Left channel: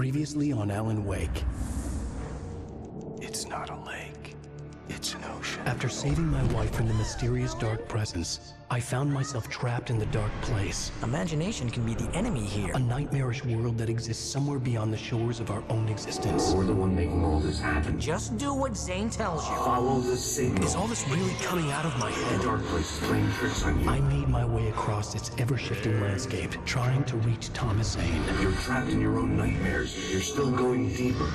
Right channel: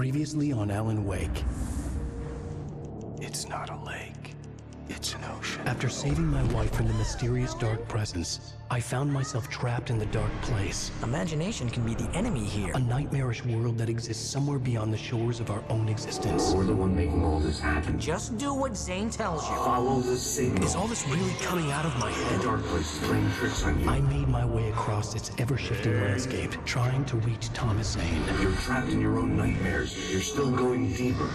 Previously on Alan Wake. It's not a lake. It's an ocean. After saving my wife from the mysterious dark presence, I found myself trapped in the dark place. Imagination can be the enemy here. A nightmarish world that exists somewhere beyond the shores of our own existence. We're the one making all this happen. Just do what Zane tells you. Follow the signal. Is all this really coming out of my head? The dark place is playing tricks on you. I made my way across its ever-shifting landscape, trying to reach Thomas Zane. You're trapped in your own nightmares. You're still going deeper.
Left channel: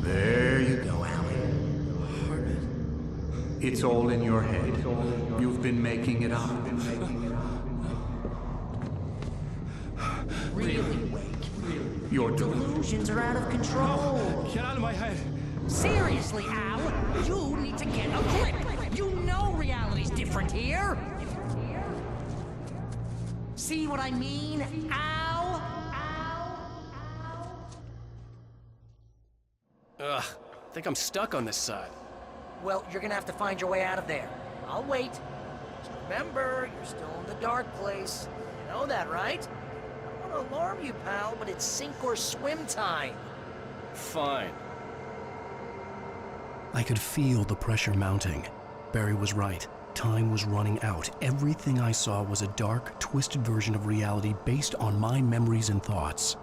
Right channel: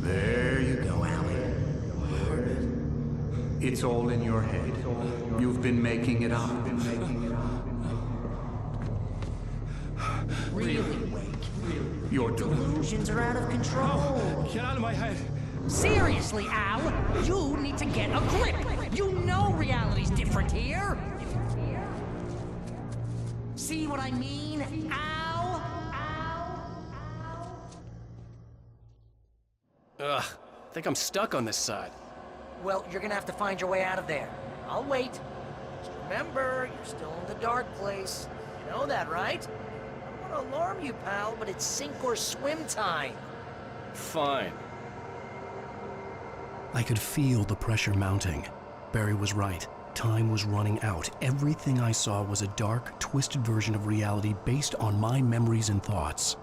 There you go, Alan. It's all in your head. You've been making it up. Really, Wake. Your delusion. Delusions are out of control. Get out of my head. Seriously, Al, you need to get a grip. You know reality's different here. See what I mean, Al? Ugh, I think I'm stuck on this side. Well, you're gonna have to find your way out of there. I'll wait. Just remember, you're still in the dark place. You know that, right? I don't want to alarm you, pal, but it's sink or swim time. Fine. I could feel the pressure mounting. Barry was right. Time was running out. Everything I saw was a dark, twisted version of reality based on my memories and thoughts.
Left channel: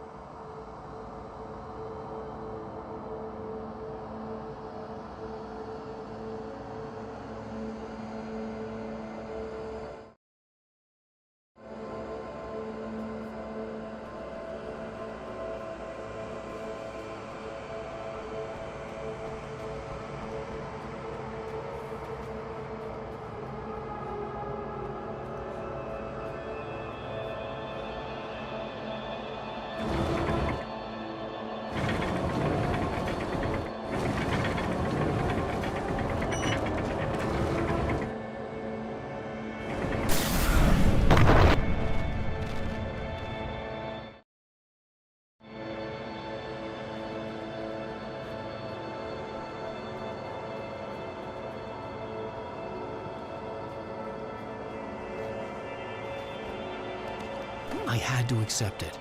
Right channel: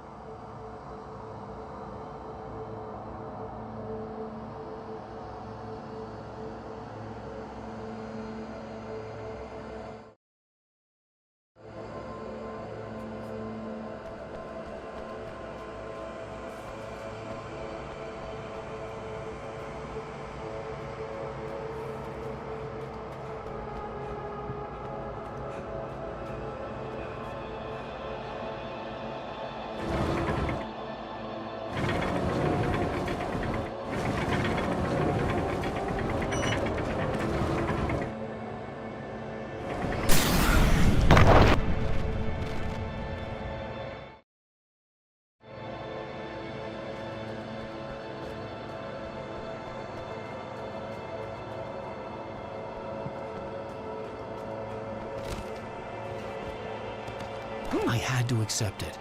I had to accept it.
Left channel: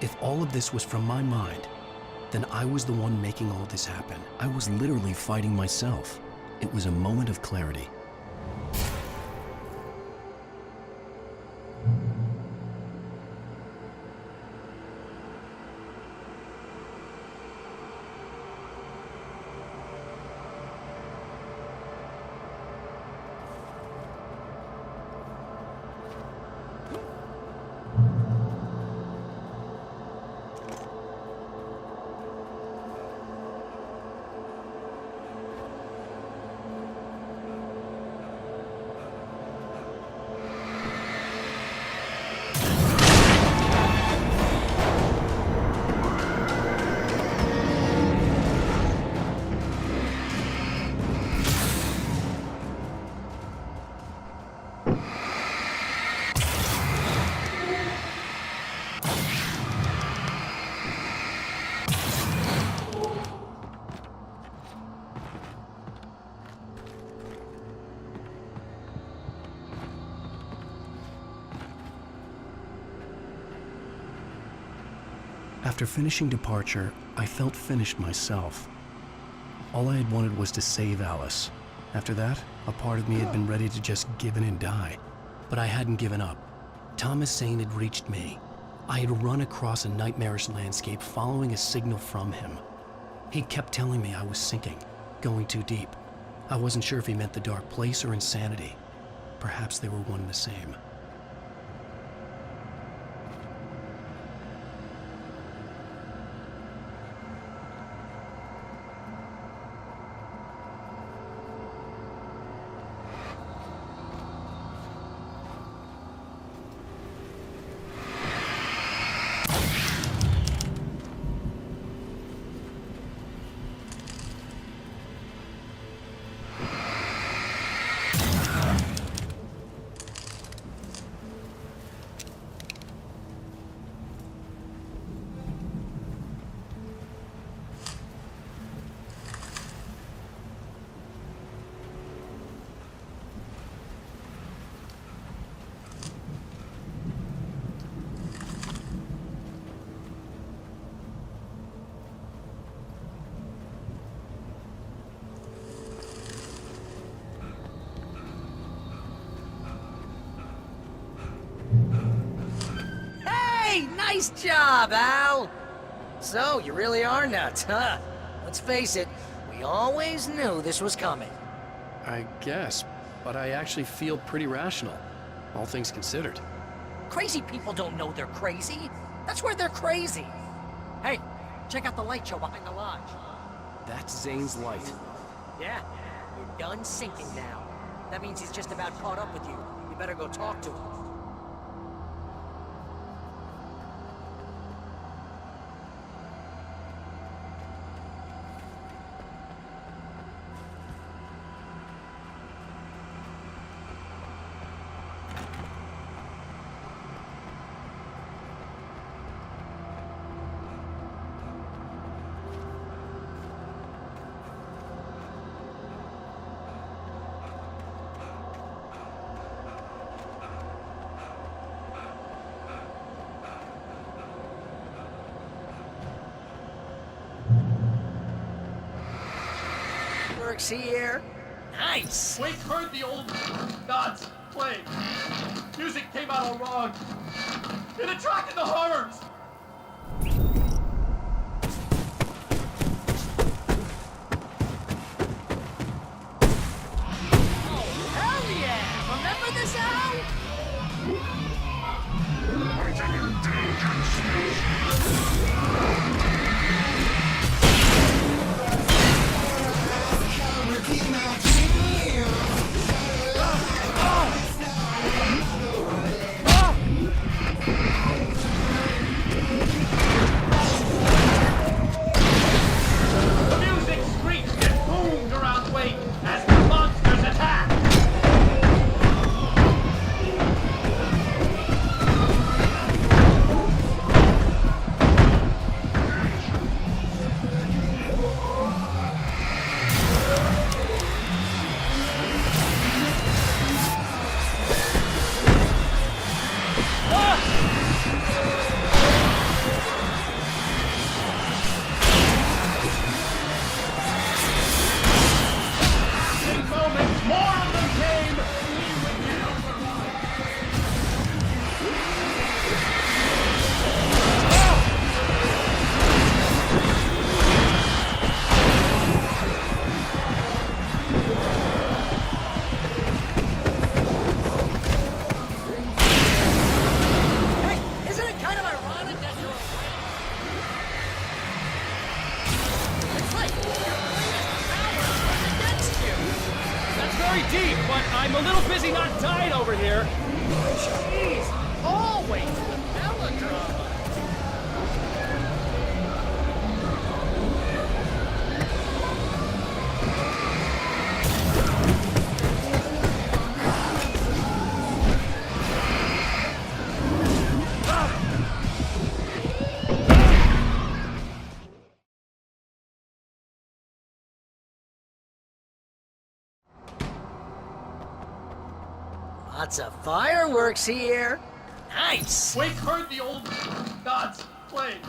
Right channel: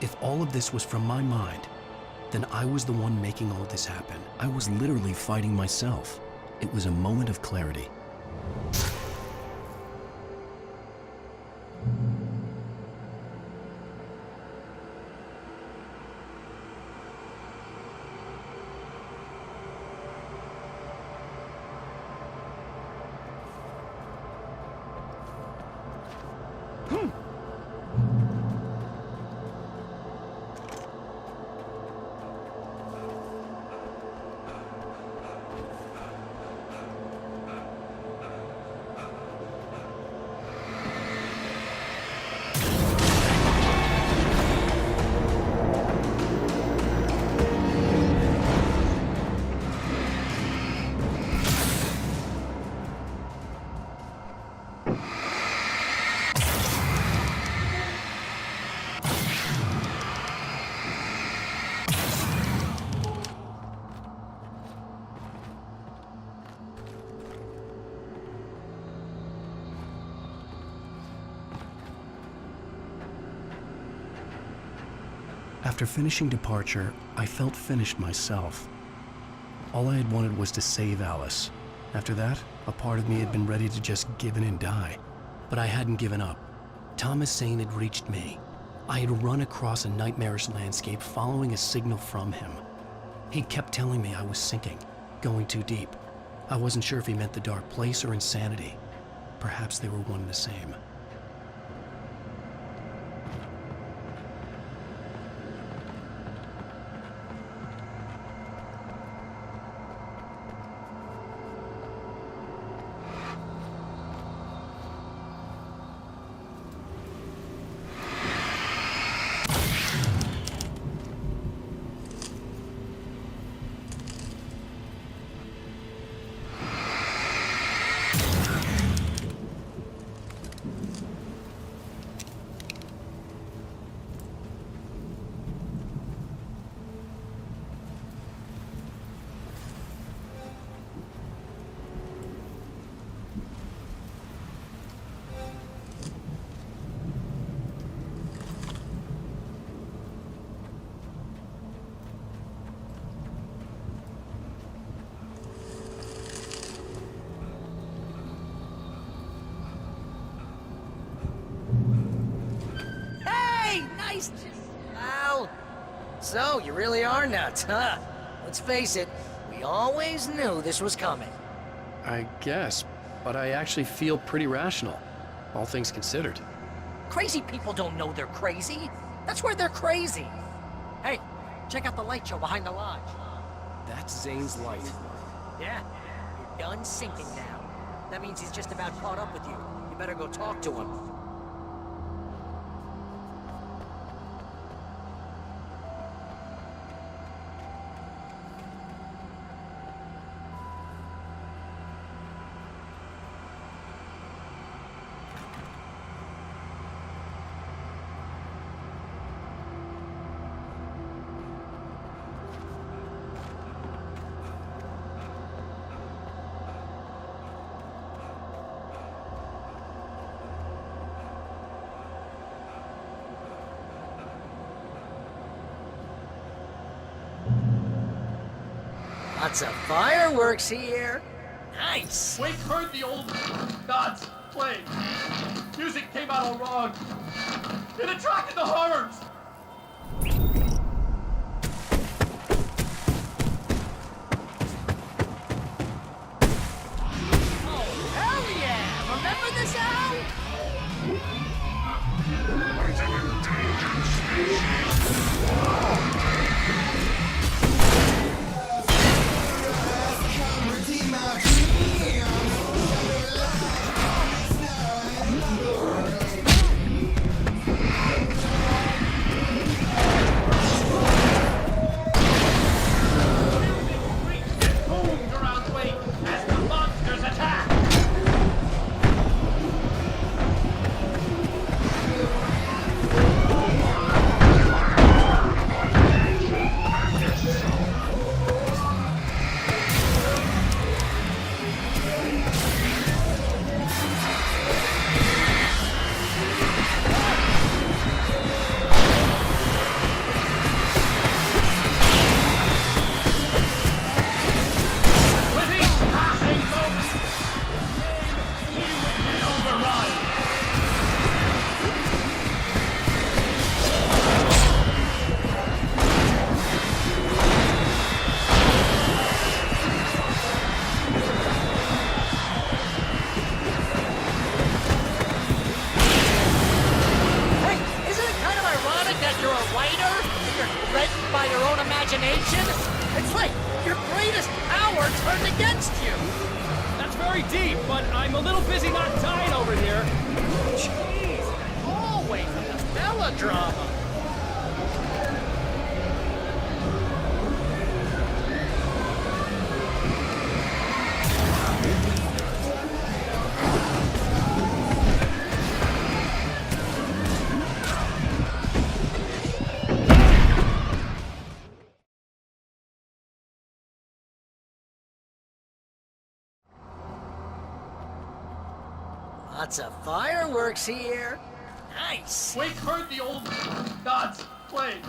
If all of this was from my mind, then I was the one making all this happen. I was literally fighting myself. It was a moment of clarity. After finishing Departure, I felt finished myself. All I had wanted was to save Alice. After that, a part of me had been ready to just give in and die. But I hadn't given up. Thomas Zane had reached me. I had run across a nightmarish landscape following a signal from him. He kept telling me I was sinking, going too deep. I wasn't sure if he meant the dark place or insanity. Perhaps they were one and the same. Nice job, Al! So, you really are nuts, huh? Let's face it, we always knew this was coming. I guess, but I actually feel pretty rational, all things considered. Crazy people don't know they're crazy. That's where they're crazy. Hey, check out the light show behind the lodge. That's Zane's light. Yeah, you're done sinking now. That means he's just about caught up with you. You better go talk to him. Lots of fireworks here. Nice! Wake heard the old gods play. Music came out all wrong. It attracted the horrors. Oh, hell yeah! Remember this, Al? The music screeched and boomed around Wake as the monsters attacked. With each passing moment, more of them came. We would get overrun. Hey, isn't it kind of ironic that you're a writer? You're led by your own imagination? It's like your greatest power turned against you. That's very deep, but I'm a little busy not dying over here. Jeez, always the melodrama. Lots of fireworks here. Nice! Wake heard the old gods play.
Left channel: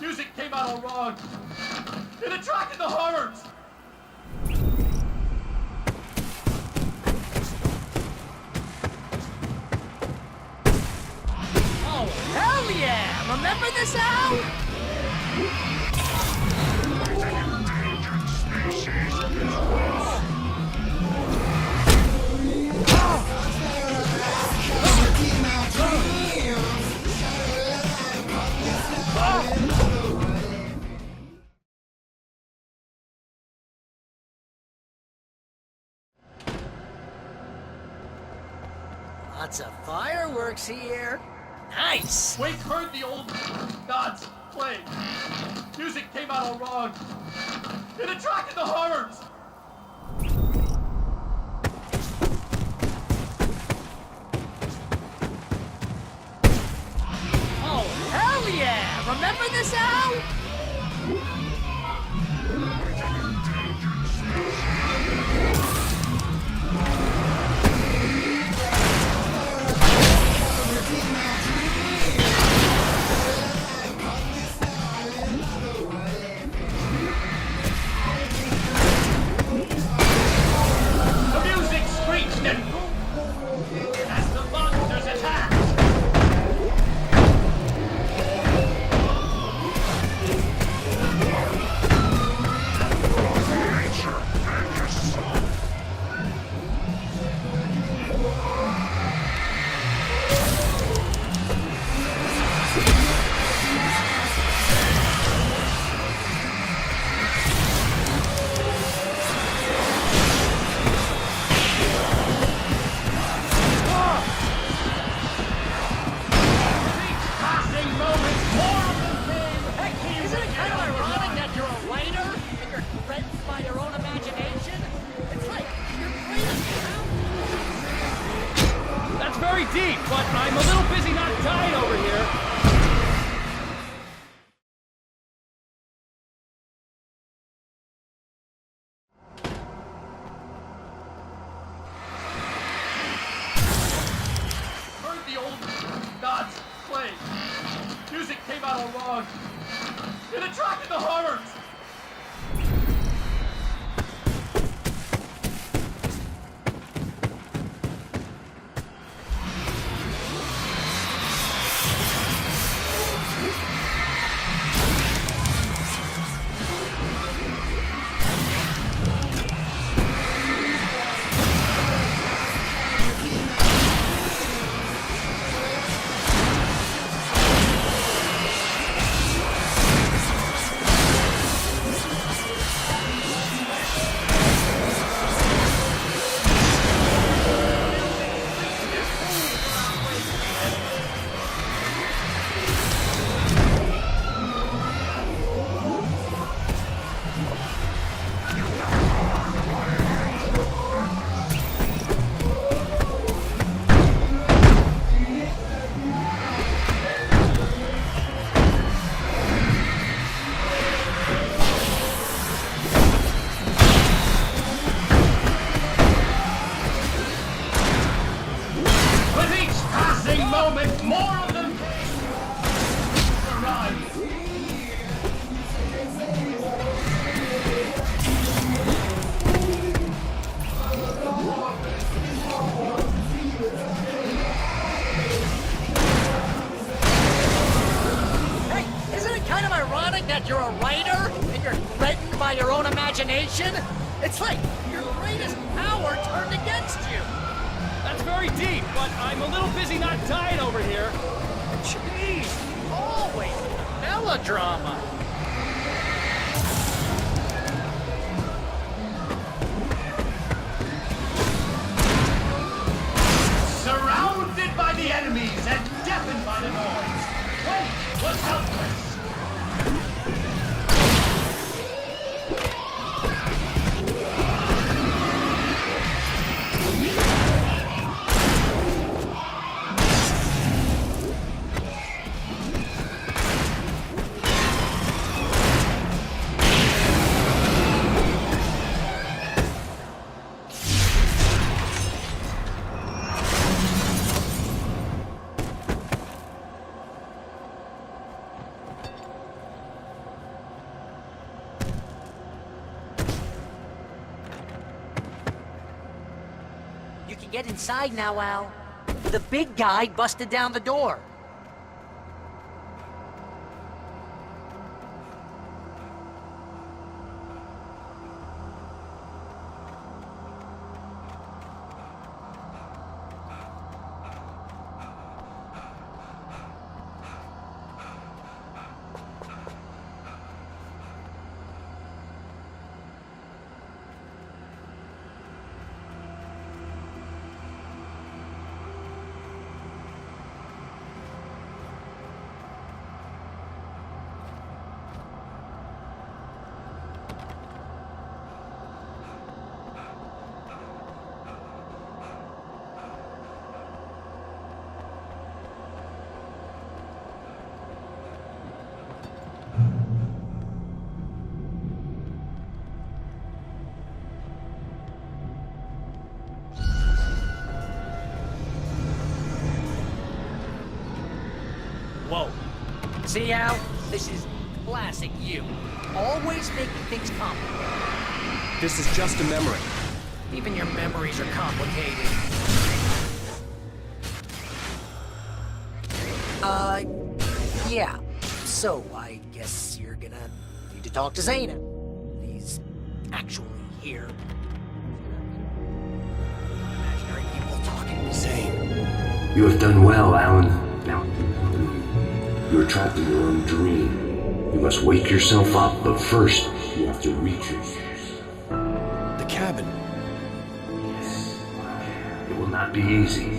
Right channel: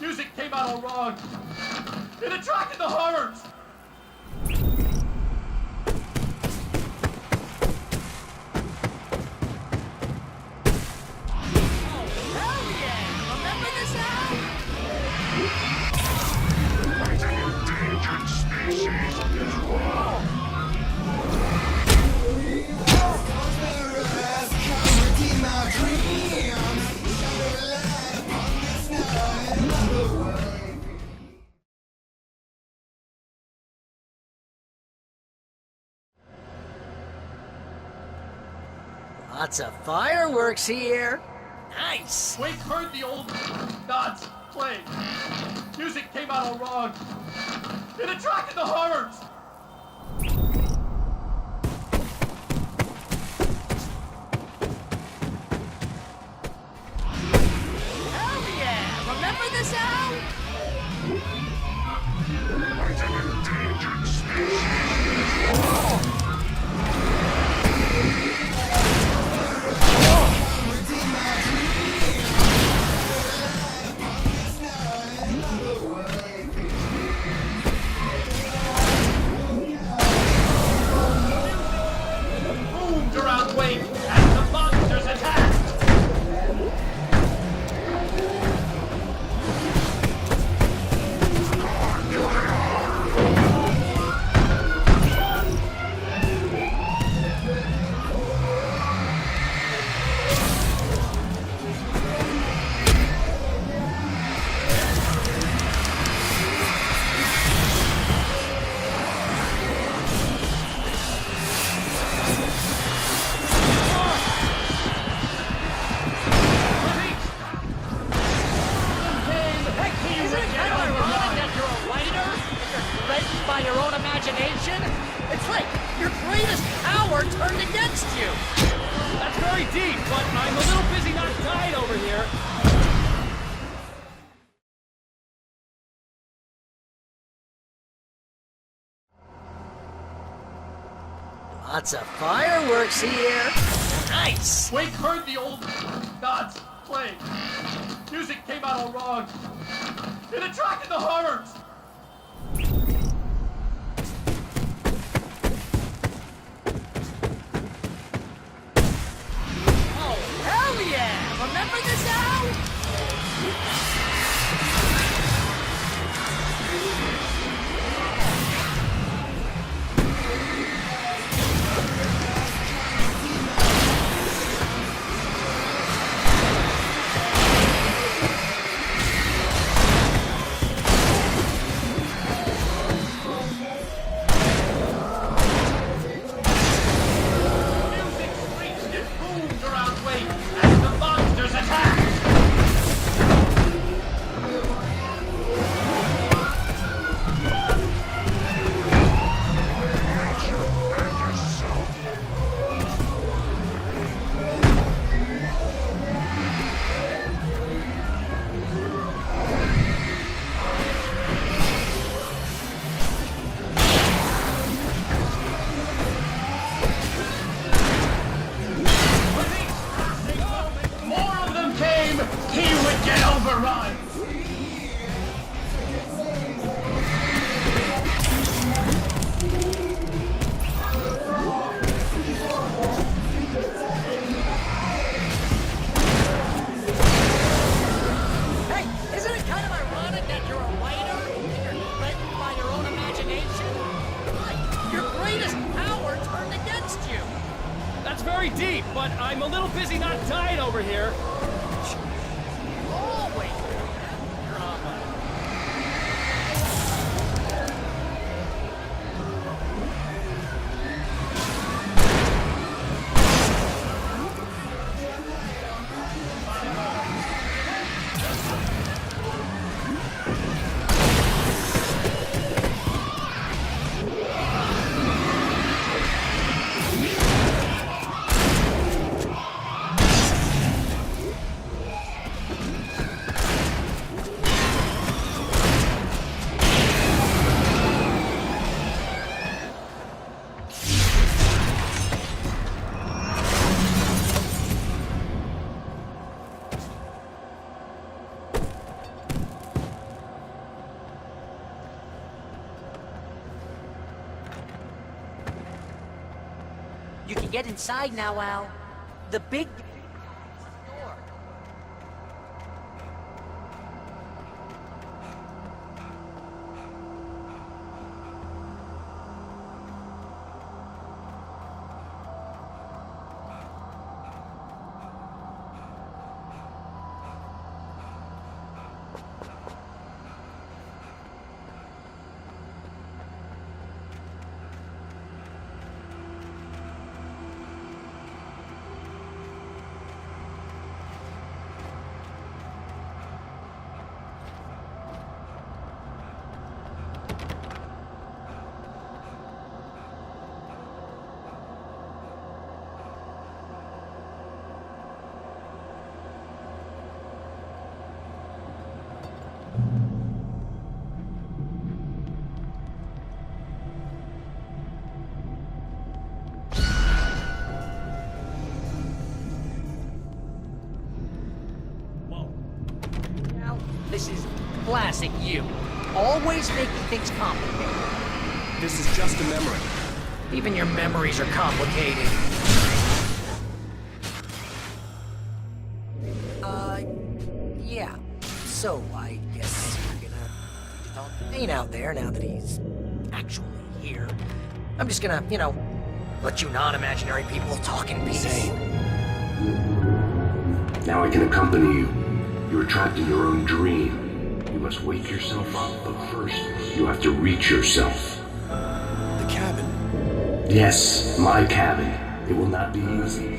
Music came out all wrong. It attracted the horrors. Oh, hell yeah! Remember this, Al? Lots of fireworks here. Nice! Wake heard the old gods play. Music came out all wrong. It attracted the horrors. Oh, hell yeah! Remember this, Al? The music screeched and boomed around Wake as the monsters attacked. turned against you. That's very deep, but I'm a little busy not dying over here. Lots of fireworks here. Nice. Wake heard the old gods playing. Music came out all wrong. It attracted the horrors. Hell yeah! Remember this house? Music screeched and boomed around Wake as the monsters attacked. With each passing moment, more of them came. He would get overrun. Hey, isn't it kind of ironic that you're a writer and you're threatened by your own imagination? It's like your greatest power turned against you. That's very deep, but I'm a little busy not dying over here. Jeez, always the melodrama. Surrounded by the enemies and deafened by the noise. Wait was helpless. You can get inside now, Al. The big guy busted down the door. Whoa. See, Al? This is classic you. Always making things complicated. This is just a memory. Even your memories are complicated. Yeah. So, I guess you're gonna need to talk to Zane out there now that he's actually here. I'm just gonna, let you non-imaginary people talk in peace. Zane. You have done well, Alan. Now I can accompany you. You are trapped in your own dream. You must wake yourself up, but first, you have to reach yourself. The cabin. Yes, my cabin. It will not be easy.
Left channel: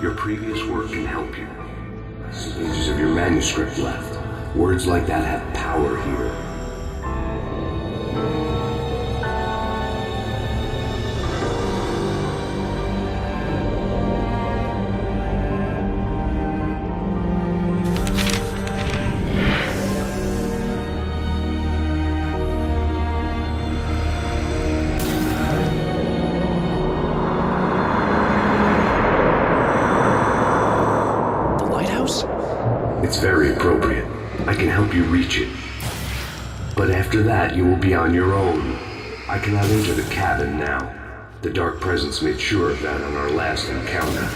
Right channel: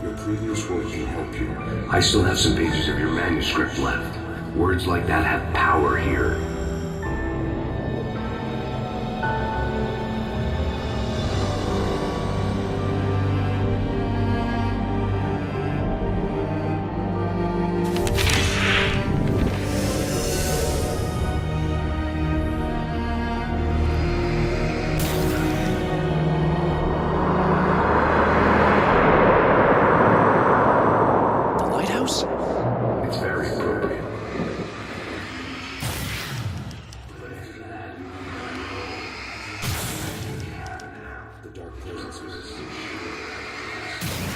Your previous work can help you. I still have some pages of your manuscript left. Words like that have power here. It's very appropriate. I can help you reach it. But after that, you will be on your own. I cannot enter the cabin now. The Dark Presence made sure of that on our last encounter.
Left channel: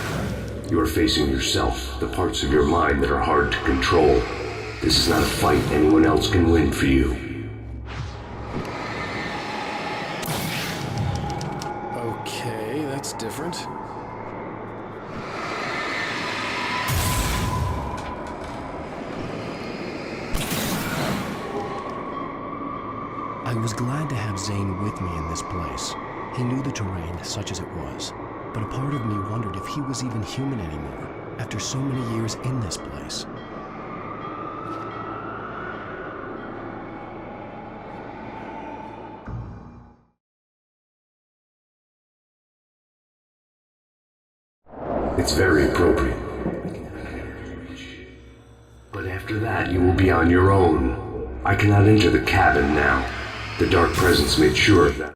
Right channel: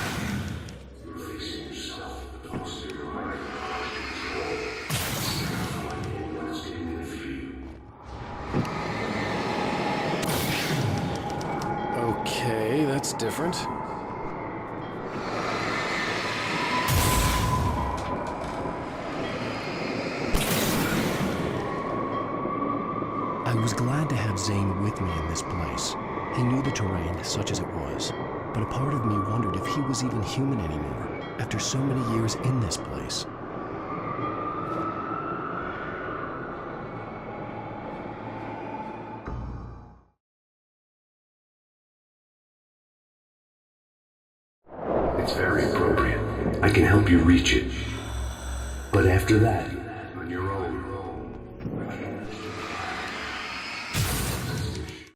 You are facing yourself, the parts of your mind that are hard to control. This is not a fight anyone else can win for you. Okay, that's different. I was glad to have Zane with me in this place. He knew the terrain, such as it was, but a part of me wondered if he was even human anymore, after so many years in this place. It's very appropriate. I can help you reach it. But after that, you will be on your own. I cannot enter the cabin now. The Dark Presence made sure of that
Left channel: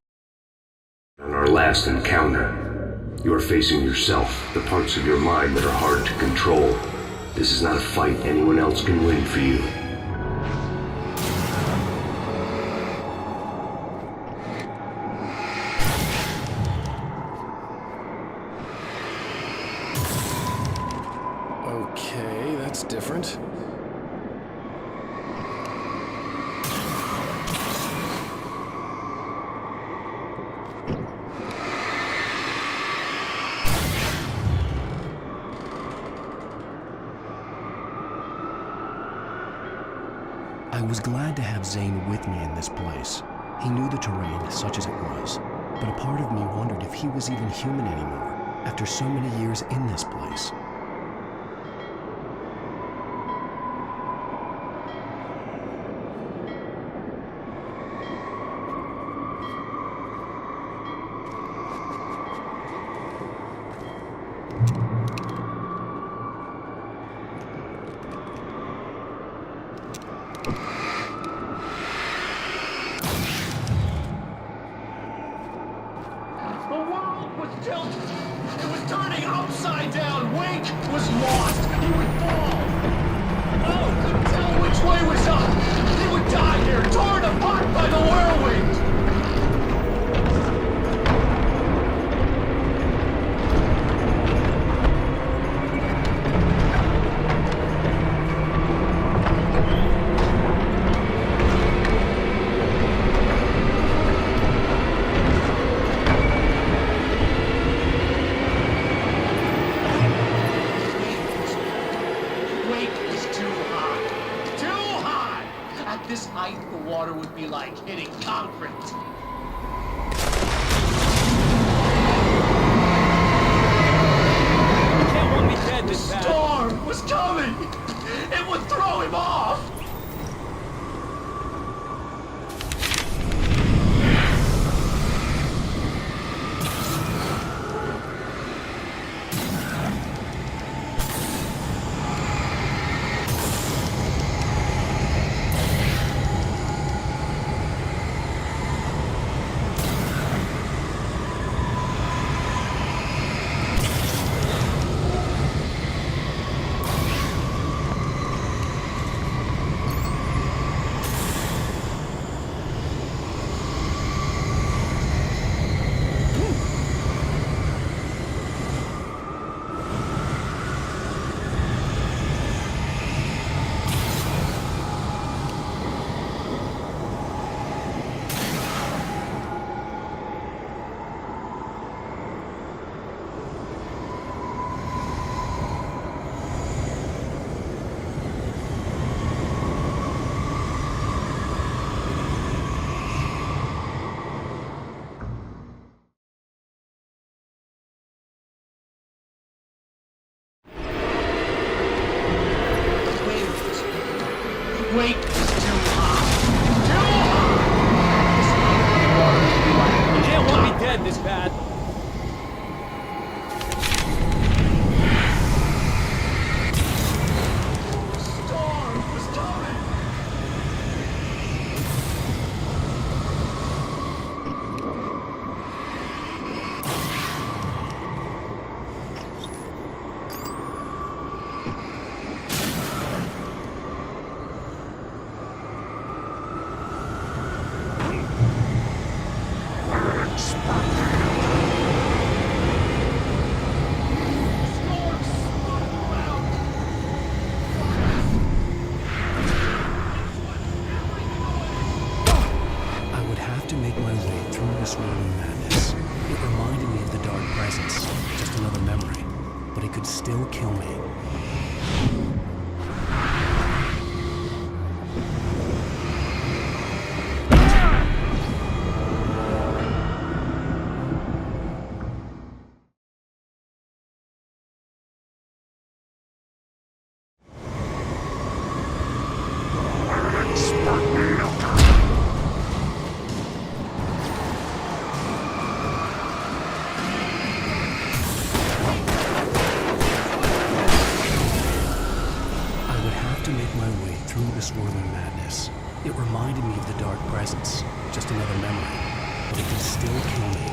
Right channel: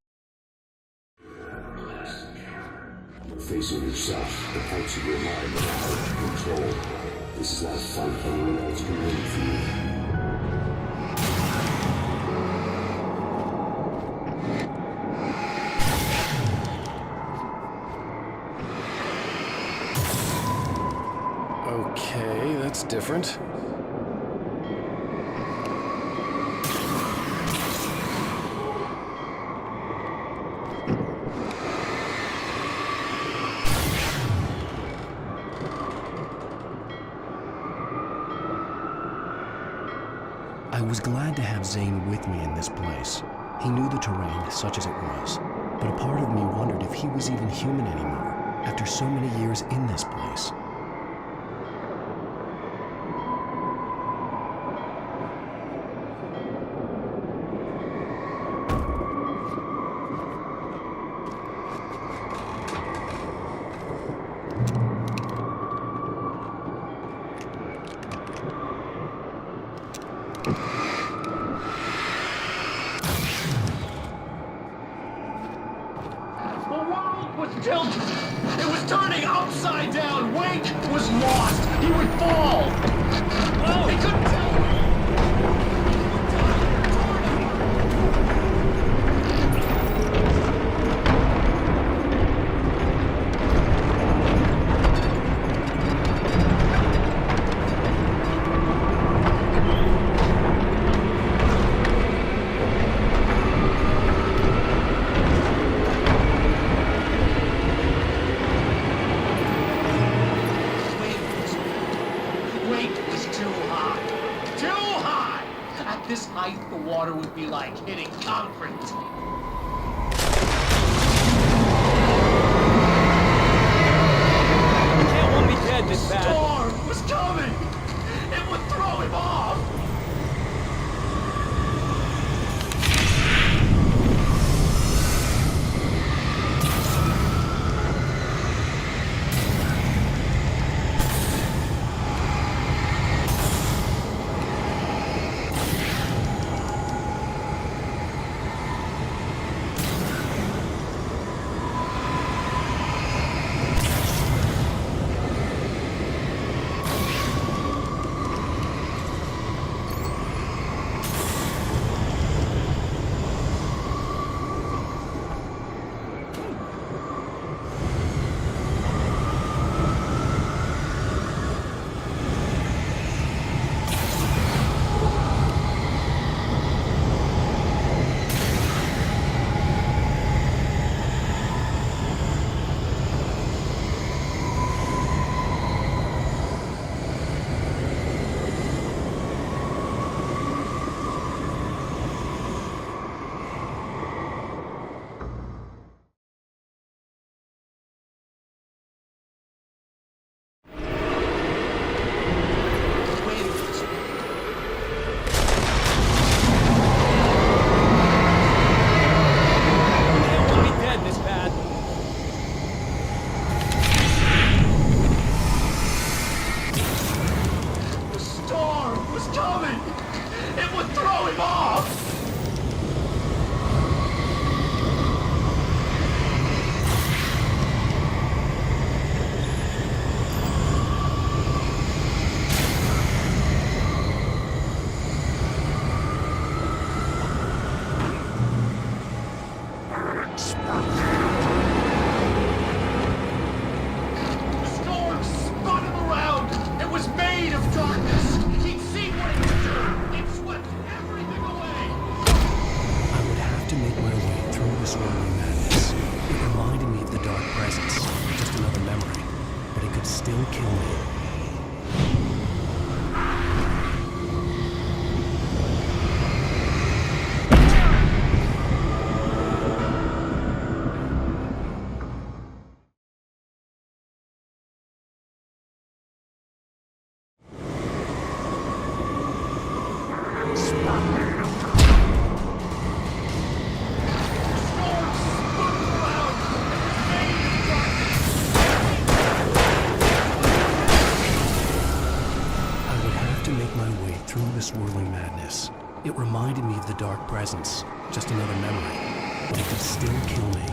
on our last encounter. You are facing yourself, the parts of your mind that are hard to control. This is not a fight anyone else can win for you. Okay, that's different. I was glad to have Zane with me in this place. He knew the terrain, such as it was, but a part of me wondered if he was even human anymore, after so many years in this place. The world was tilted. It was turning upside down. Wake was lost. He would fall. Oh, he couldn't tell which way was up. He would die here, torn apart by the whirlwind. Weight was too high. Too high! At this height, the water would be like hitting concrete. You can't want me dead this bad. Storm was coming! It would throw him off! The storm spun him around. It was made of darkness. He'd seen what it could do. It swept everything away. I would have to make my way through the swirling madness. It reminded me of the dark presence, just another memory, but it could still kill me. I would have to make my way through the swirling madness. It reminded me of the dark presence, just another memory, but it could still kill me.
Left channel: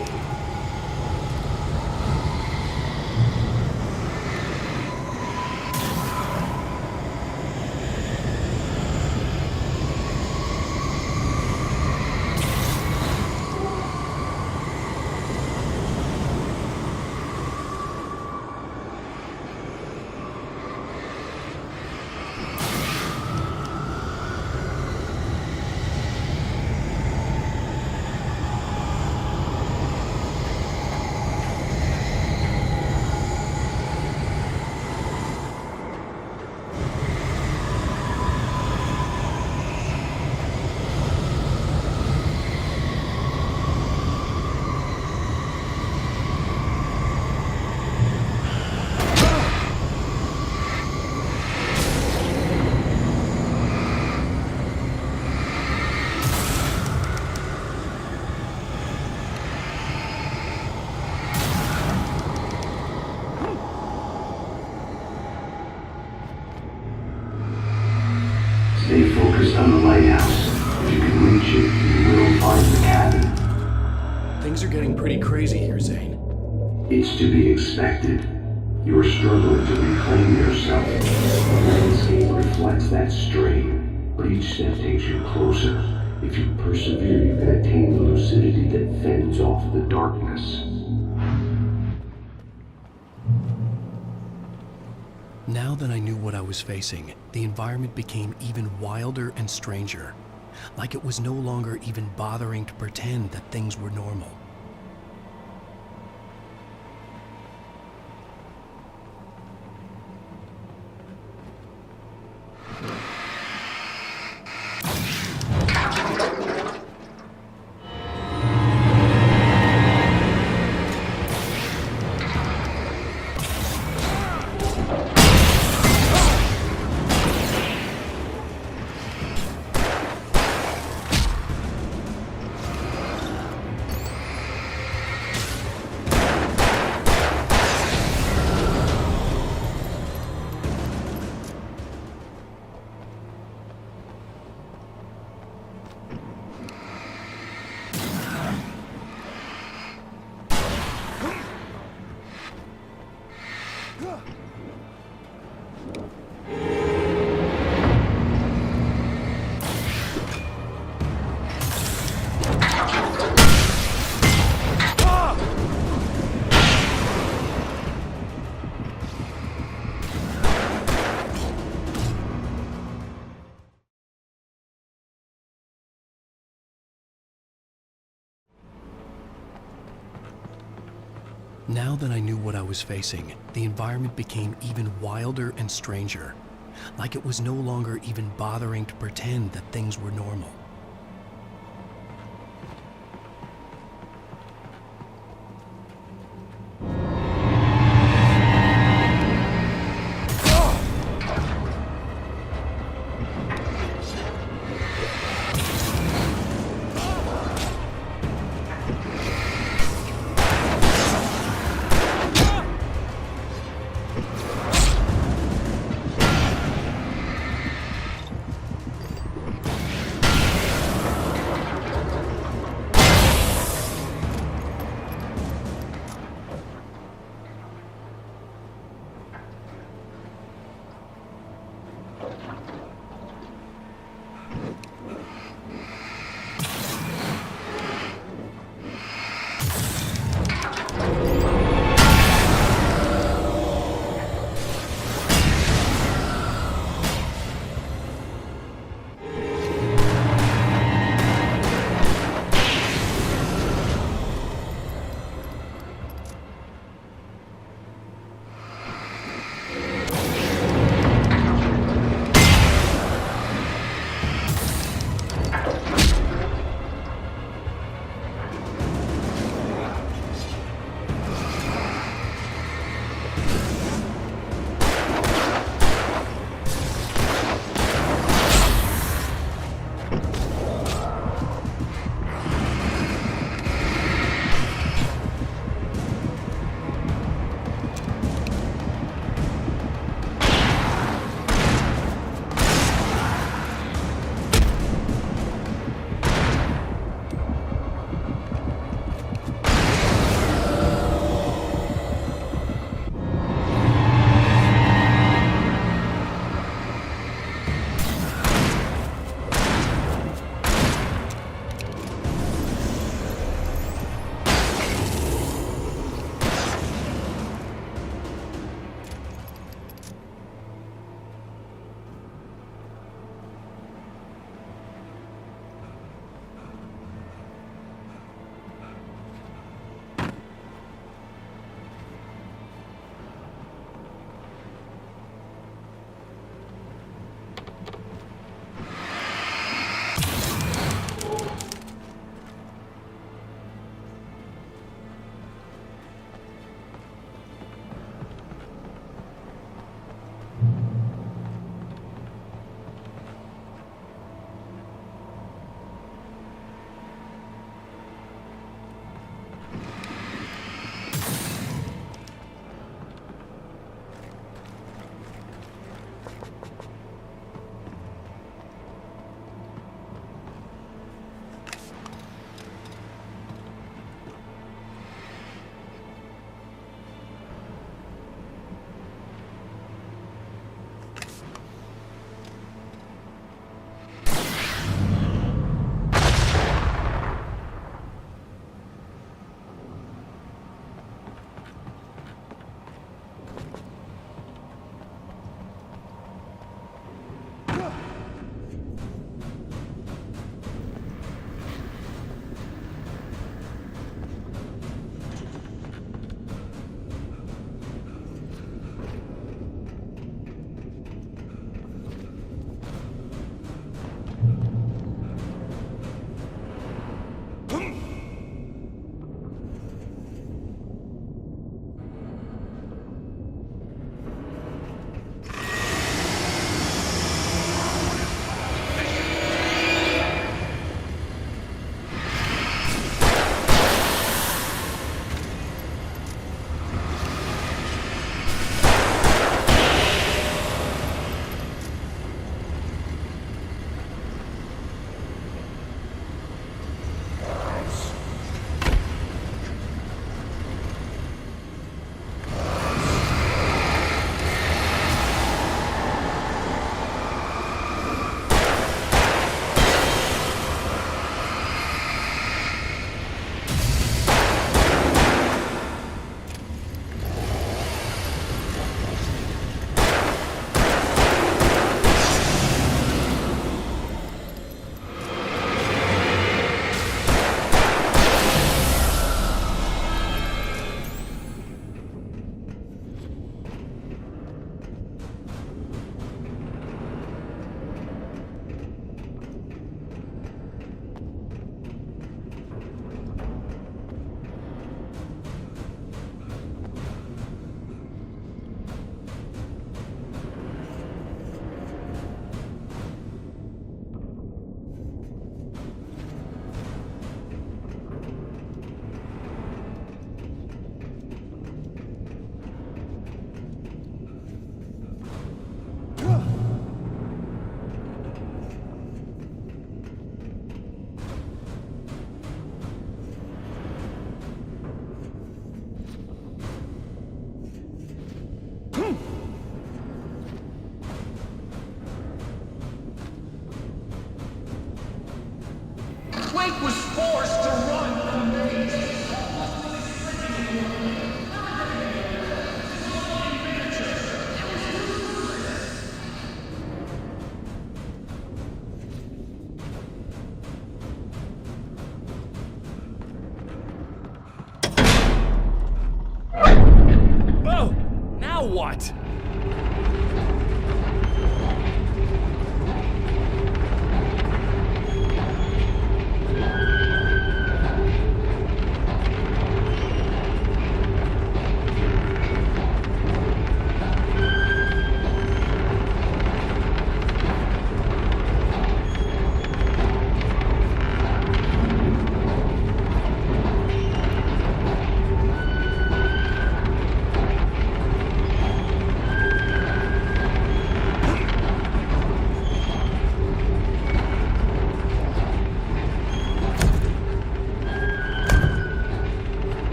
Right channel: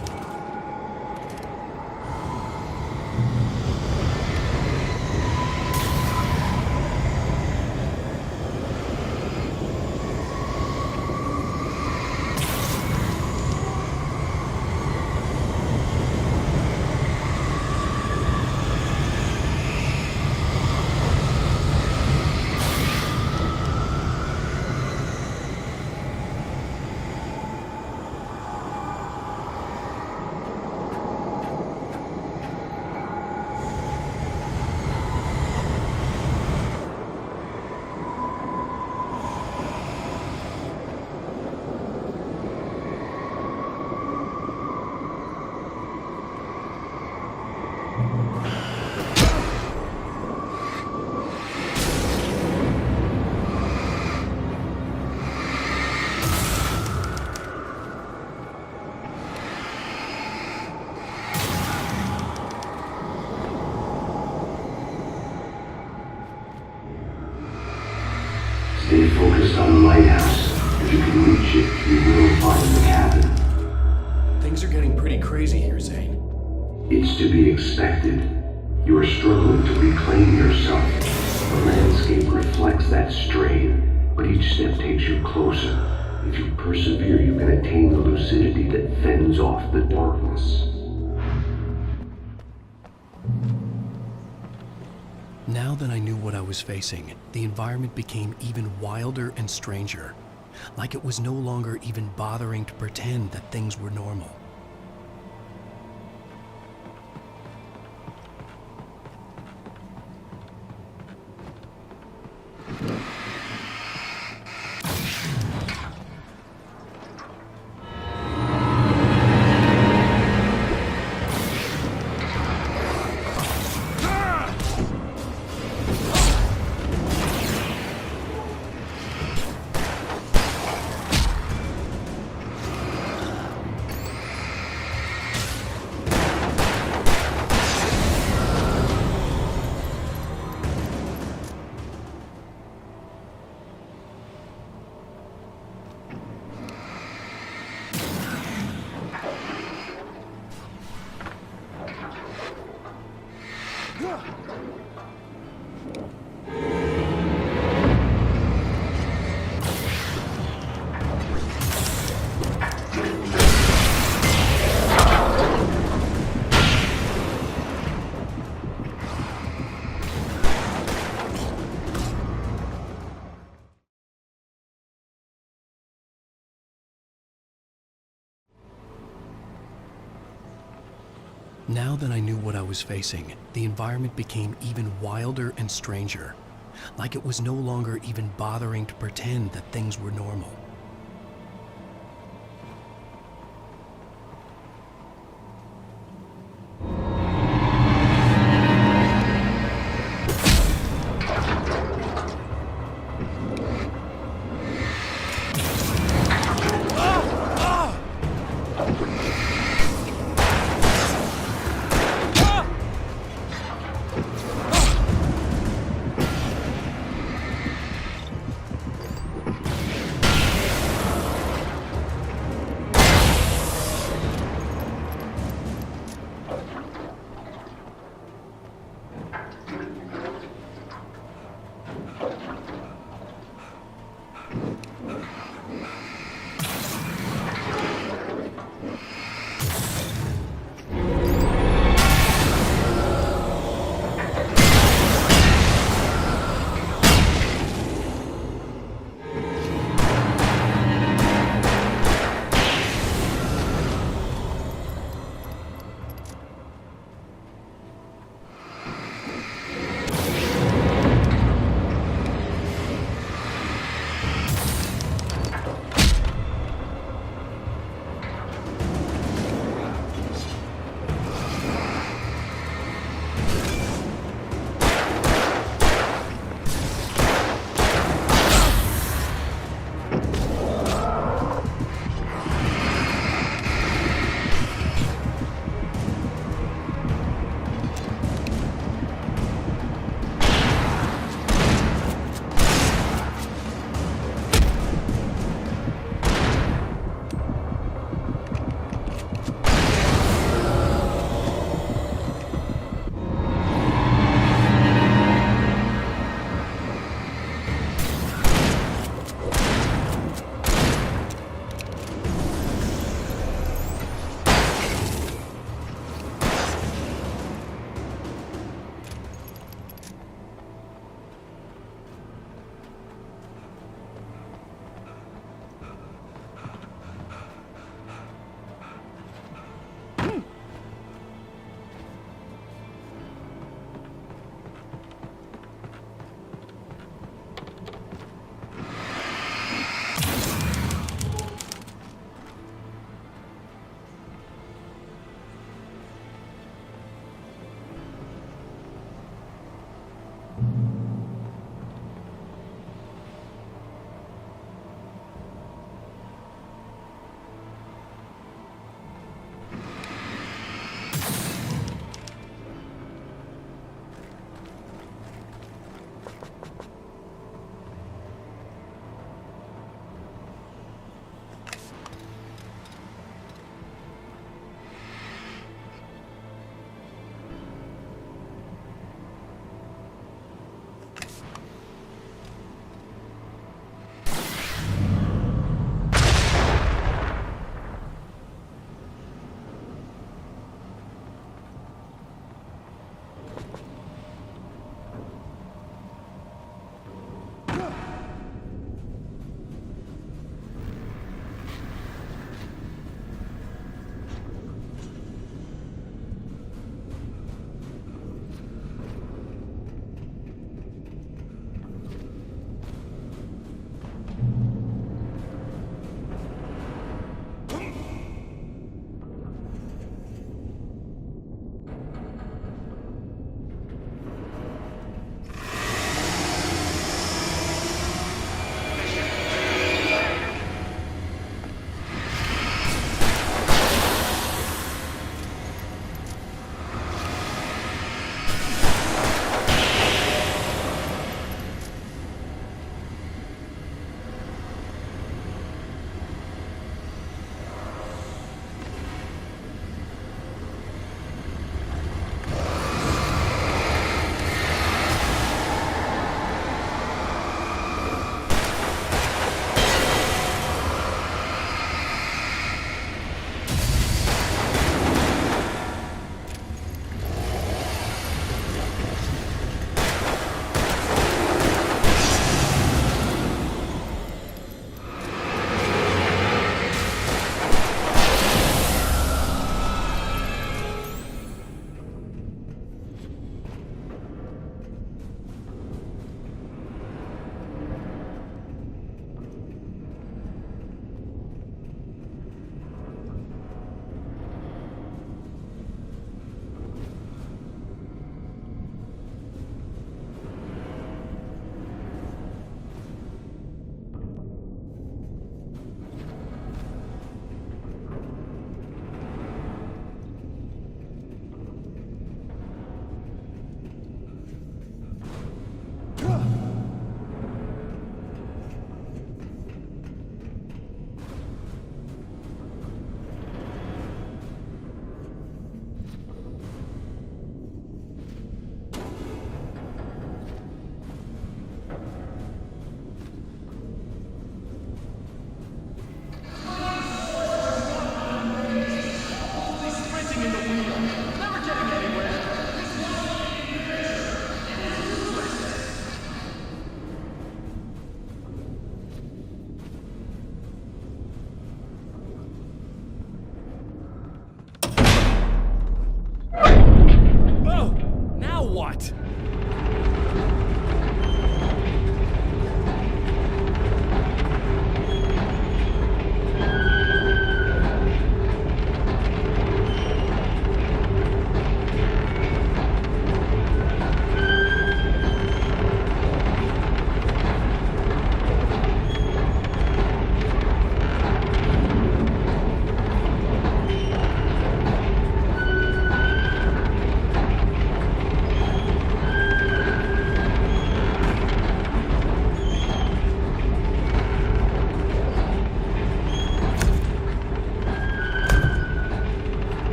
Stay focused on the lighthouse. If you can reach it, you will find the cabin. Things are getting pretty crazy here, Zane. It's to be expected. You are struggling to reclaim yourself. The landscape reflects that strain, but each step takes you closer. If you persevere, you can attain the lucidity that fends off the darkness. Now that I knew what I was facing, the environment became even wilder and stranger. Like it was no longer even bothering to pretend that things were normal. Now that I knew what I was facing, the environment became even wilder and stranger. Like it was no longer even bothering to pretend that things were normal.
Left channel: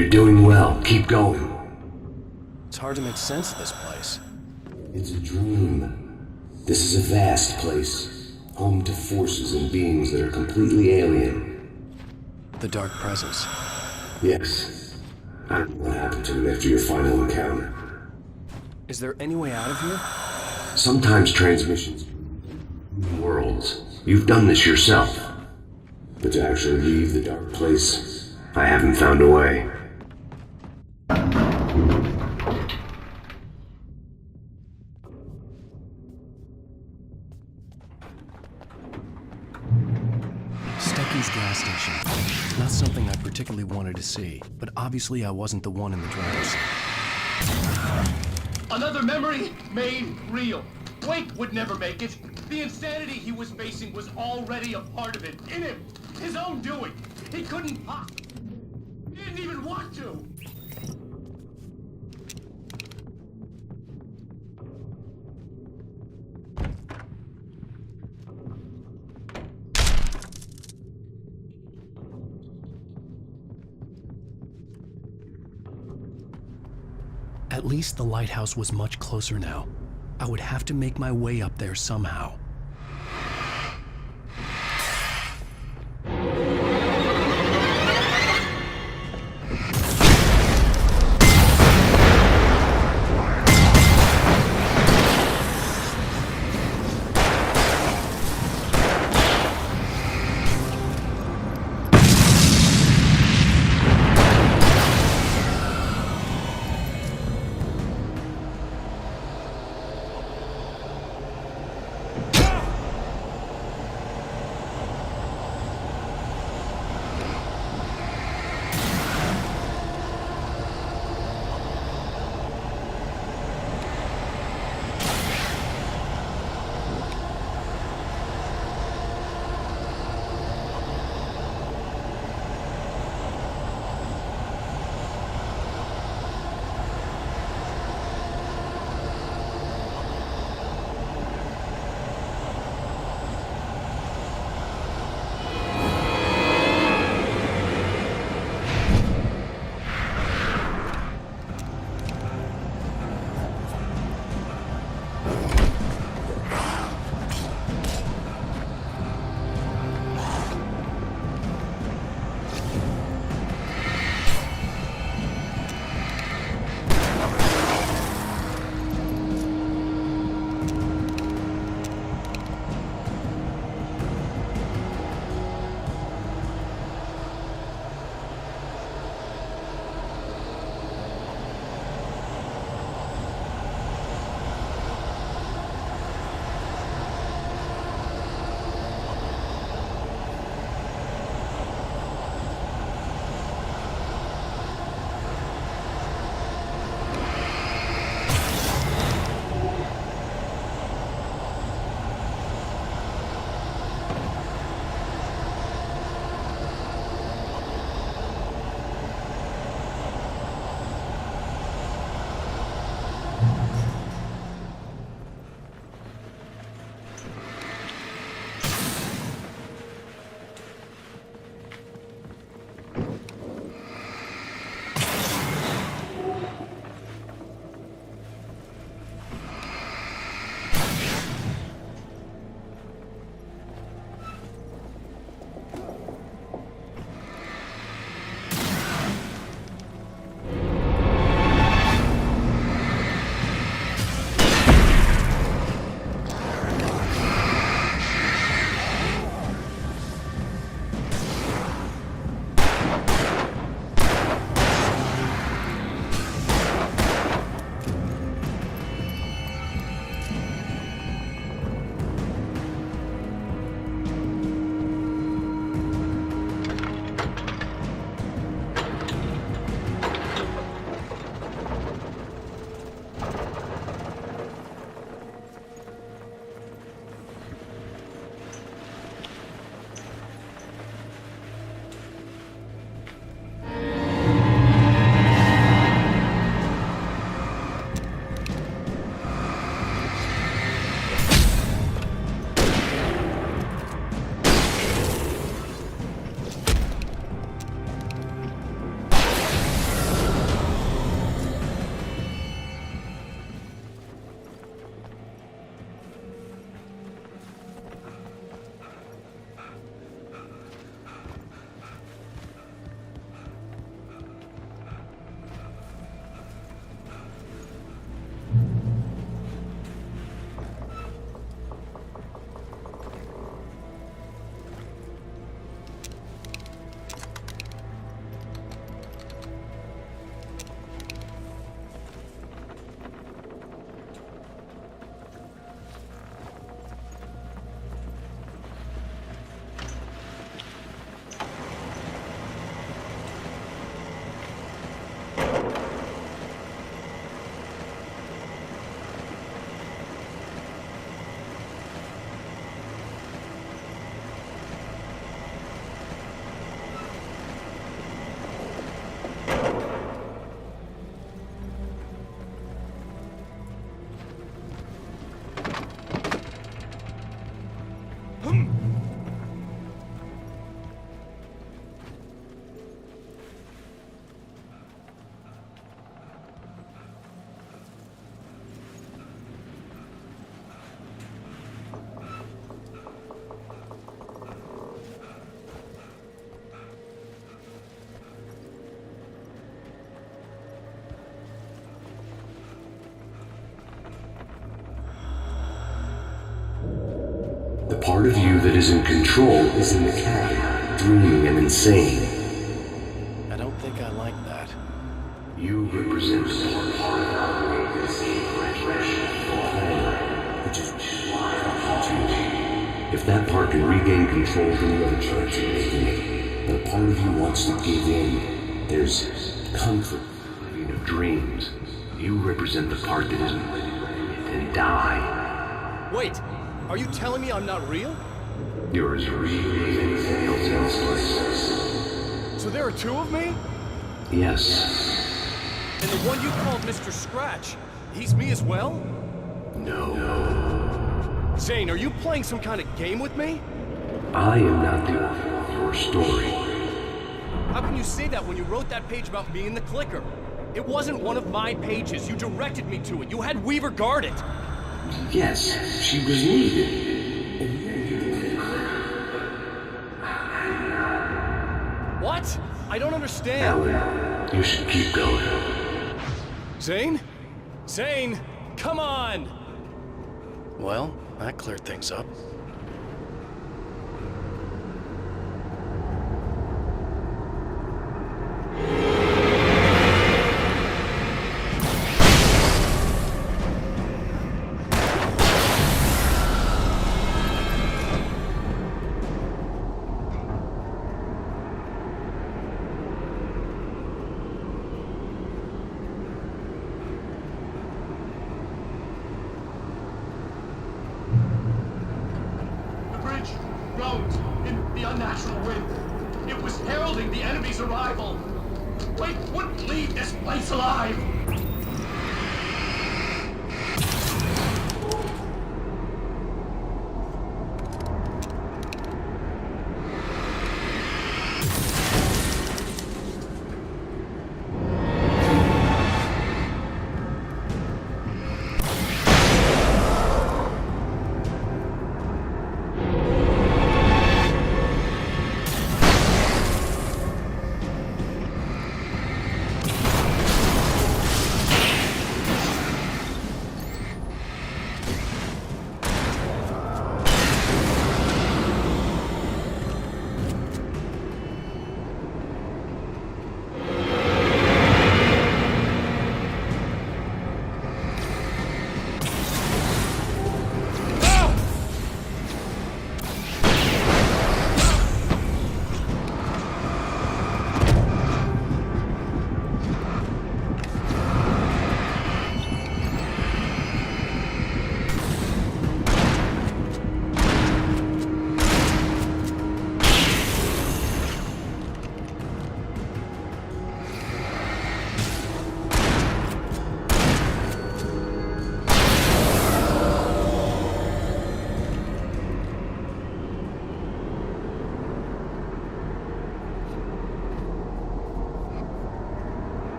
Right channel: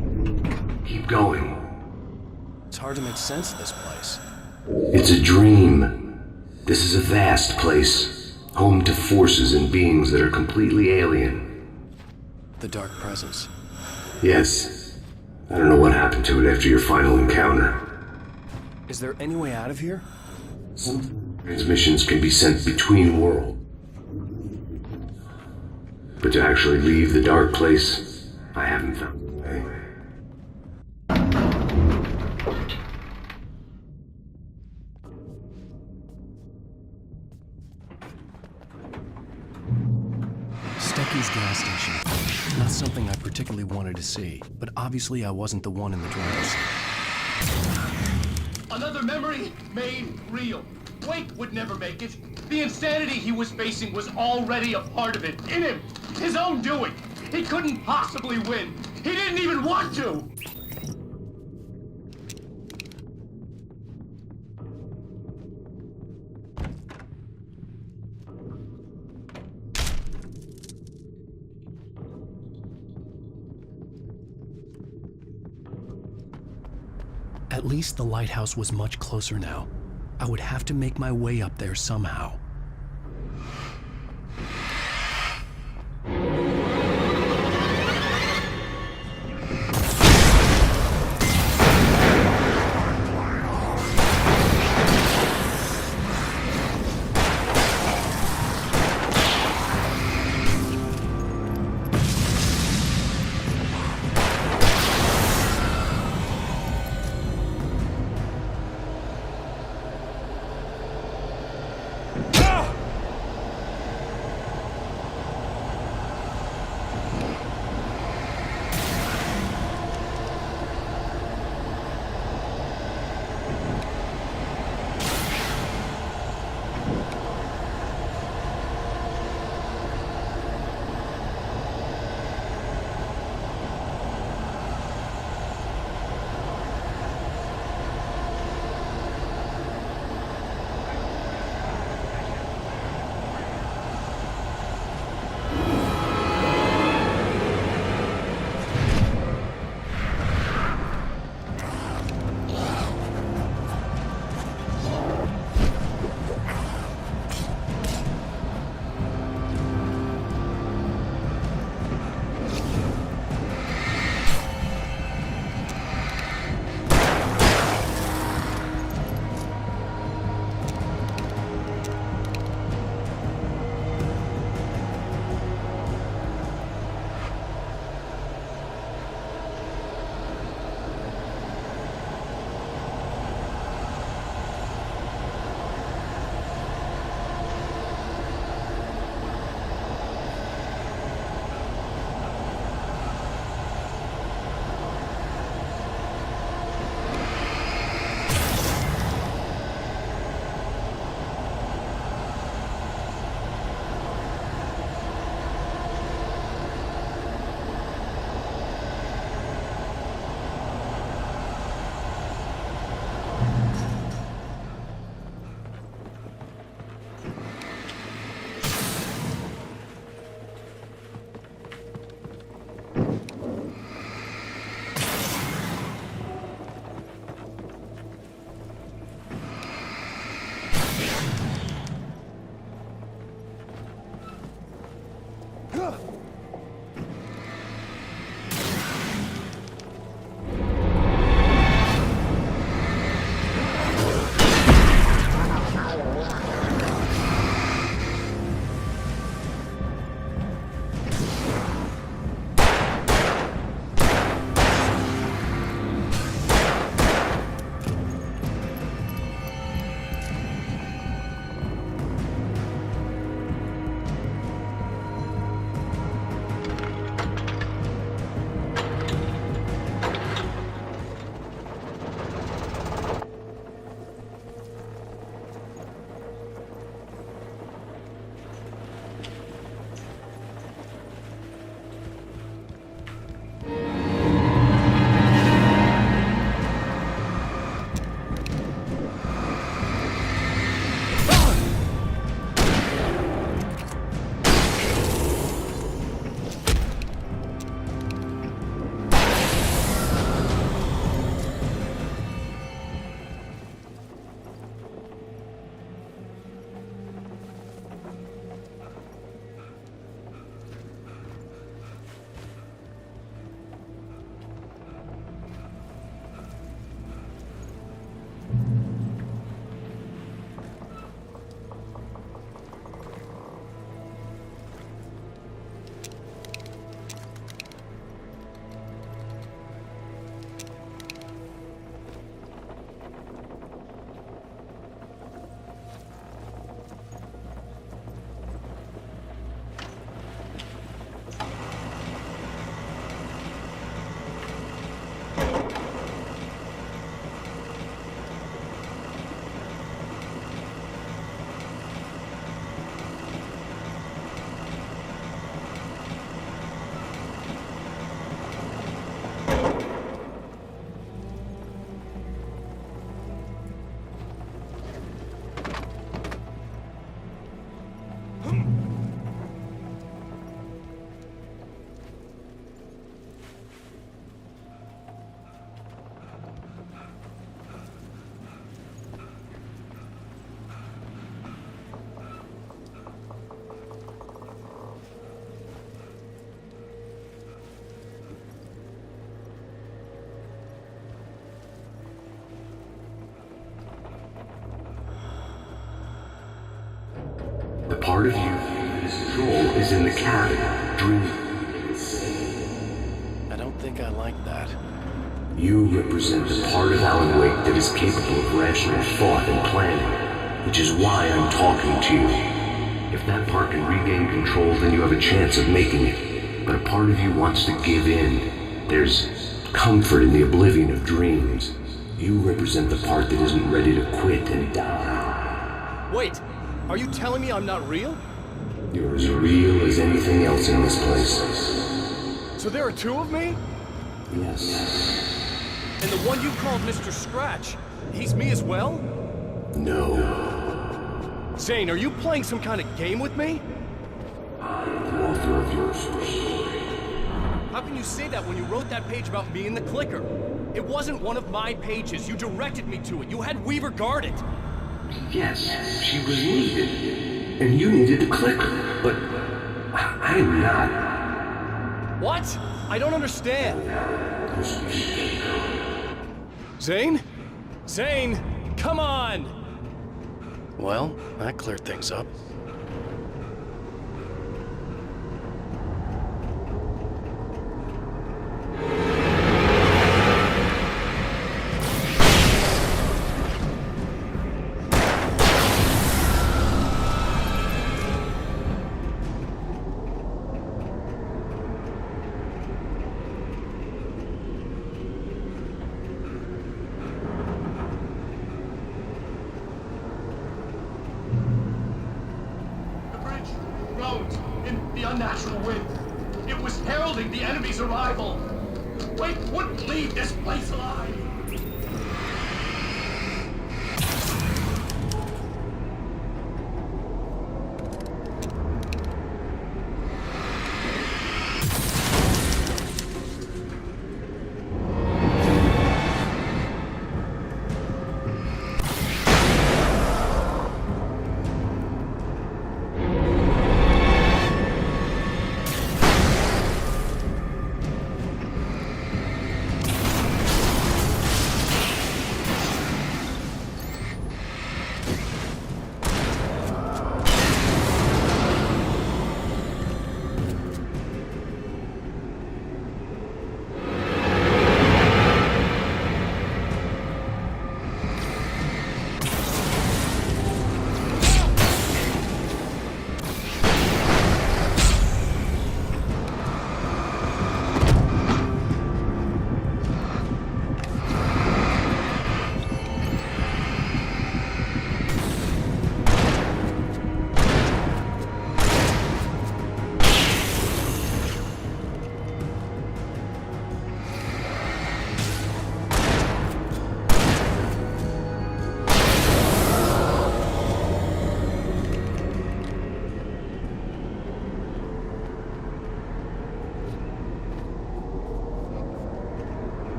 You're doing well. Keep going. It's hard to make sense of this place. It's a dream. This is a vast place, home to forces and beings that are completely alien. The Dark Presence. Yes. I don't know what happened to it after your final encounter. Is there any way out of here? Sometimes transmissions can be sent between worlds. You've done this yourself. But to actually leave the dark place, I haven't found a way. Stecky's gas station. Not something I particularly wanted to see, but obviously I wasn't the one in the driver's seat. Another memory made real. Wake would never make it. The insanity he was facing was already a part of it, in him. His own doing. He couldn't possibly win. He didn't even want to. At least the lighthouse was much closer now. I would have to make my way up there somehow. part of you that is in control is in the cabin, dreaming and insane. I don't think I like that. You represent the part of Alan Wake that is capable of rational thought and planning, which is why I'm talking to you. If that part can regain control, then you have a chance of making it. But a part of you wants to give in. There's comfort in the oblivion of dreams. You represent the part that isn't ready to quit and die. Wait, are you telling me I'm not real? You're as real as anything else in this place. So there are two of me? Yes. And the one you called Mr. Scratch, he's me as well? No. Zane, are you playing some kind of game with me? I am not the author of your story. How can you say that when you wrote that page about me in the clicker? It wasn't one of my pages. You directed me to it. You had Weaver guard it. Yes, she was needed. And you needed the clicker. But I'm not. What? I don't understand. Alan, you should keep going. Zane? Zane, come on! Well, that cleared things up. Rose in the unnatural wind. It was heralding the enemy's arrival. Wake wouldn't leave this place alive.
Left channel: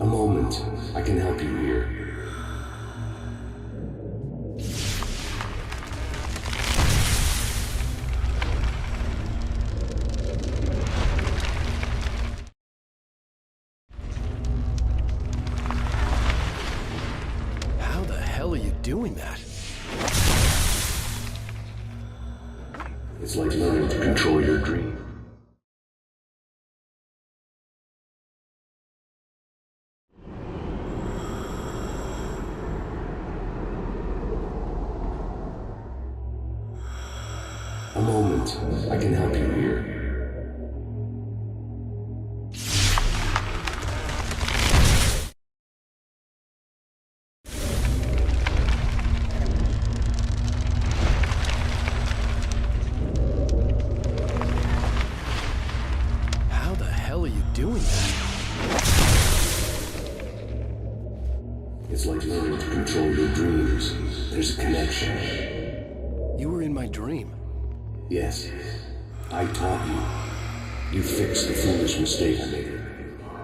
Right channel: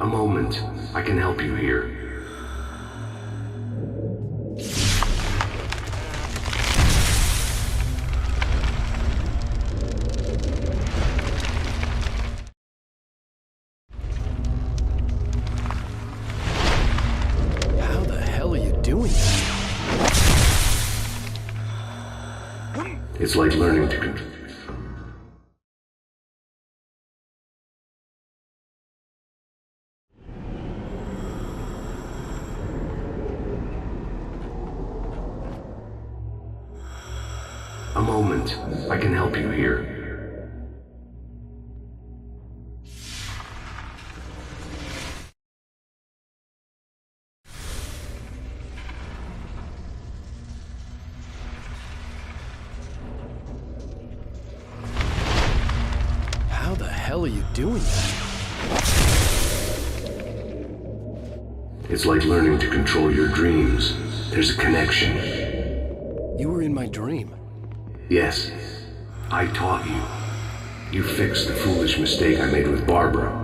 A moment. I can help you here. How the hell are you doing that? It's like learning to control your dream. A moment. I can help you here. How the hell are you doing that? It's like learning to control your dreams. There's a connection. You were in my dream. Yes, I taught you. You fixed the foolish mistake I made with Barbara.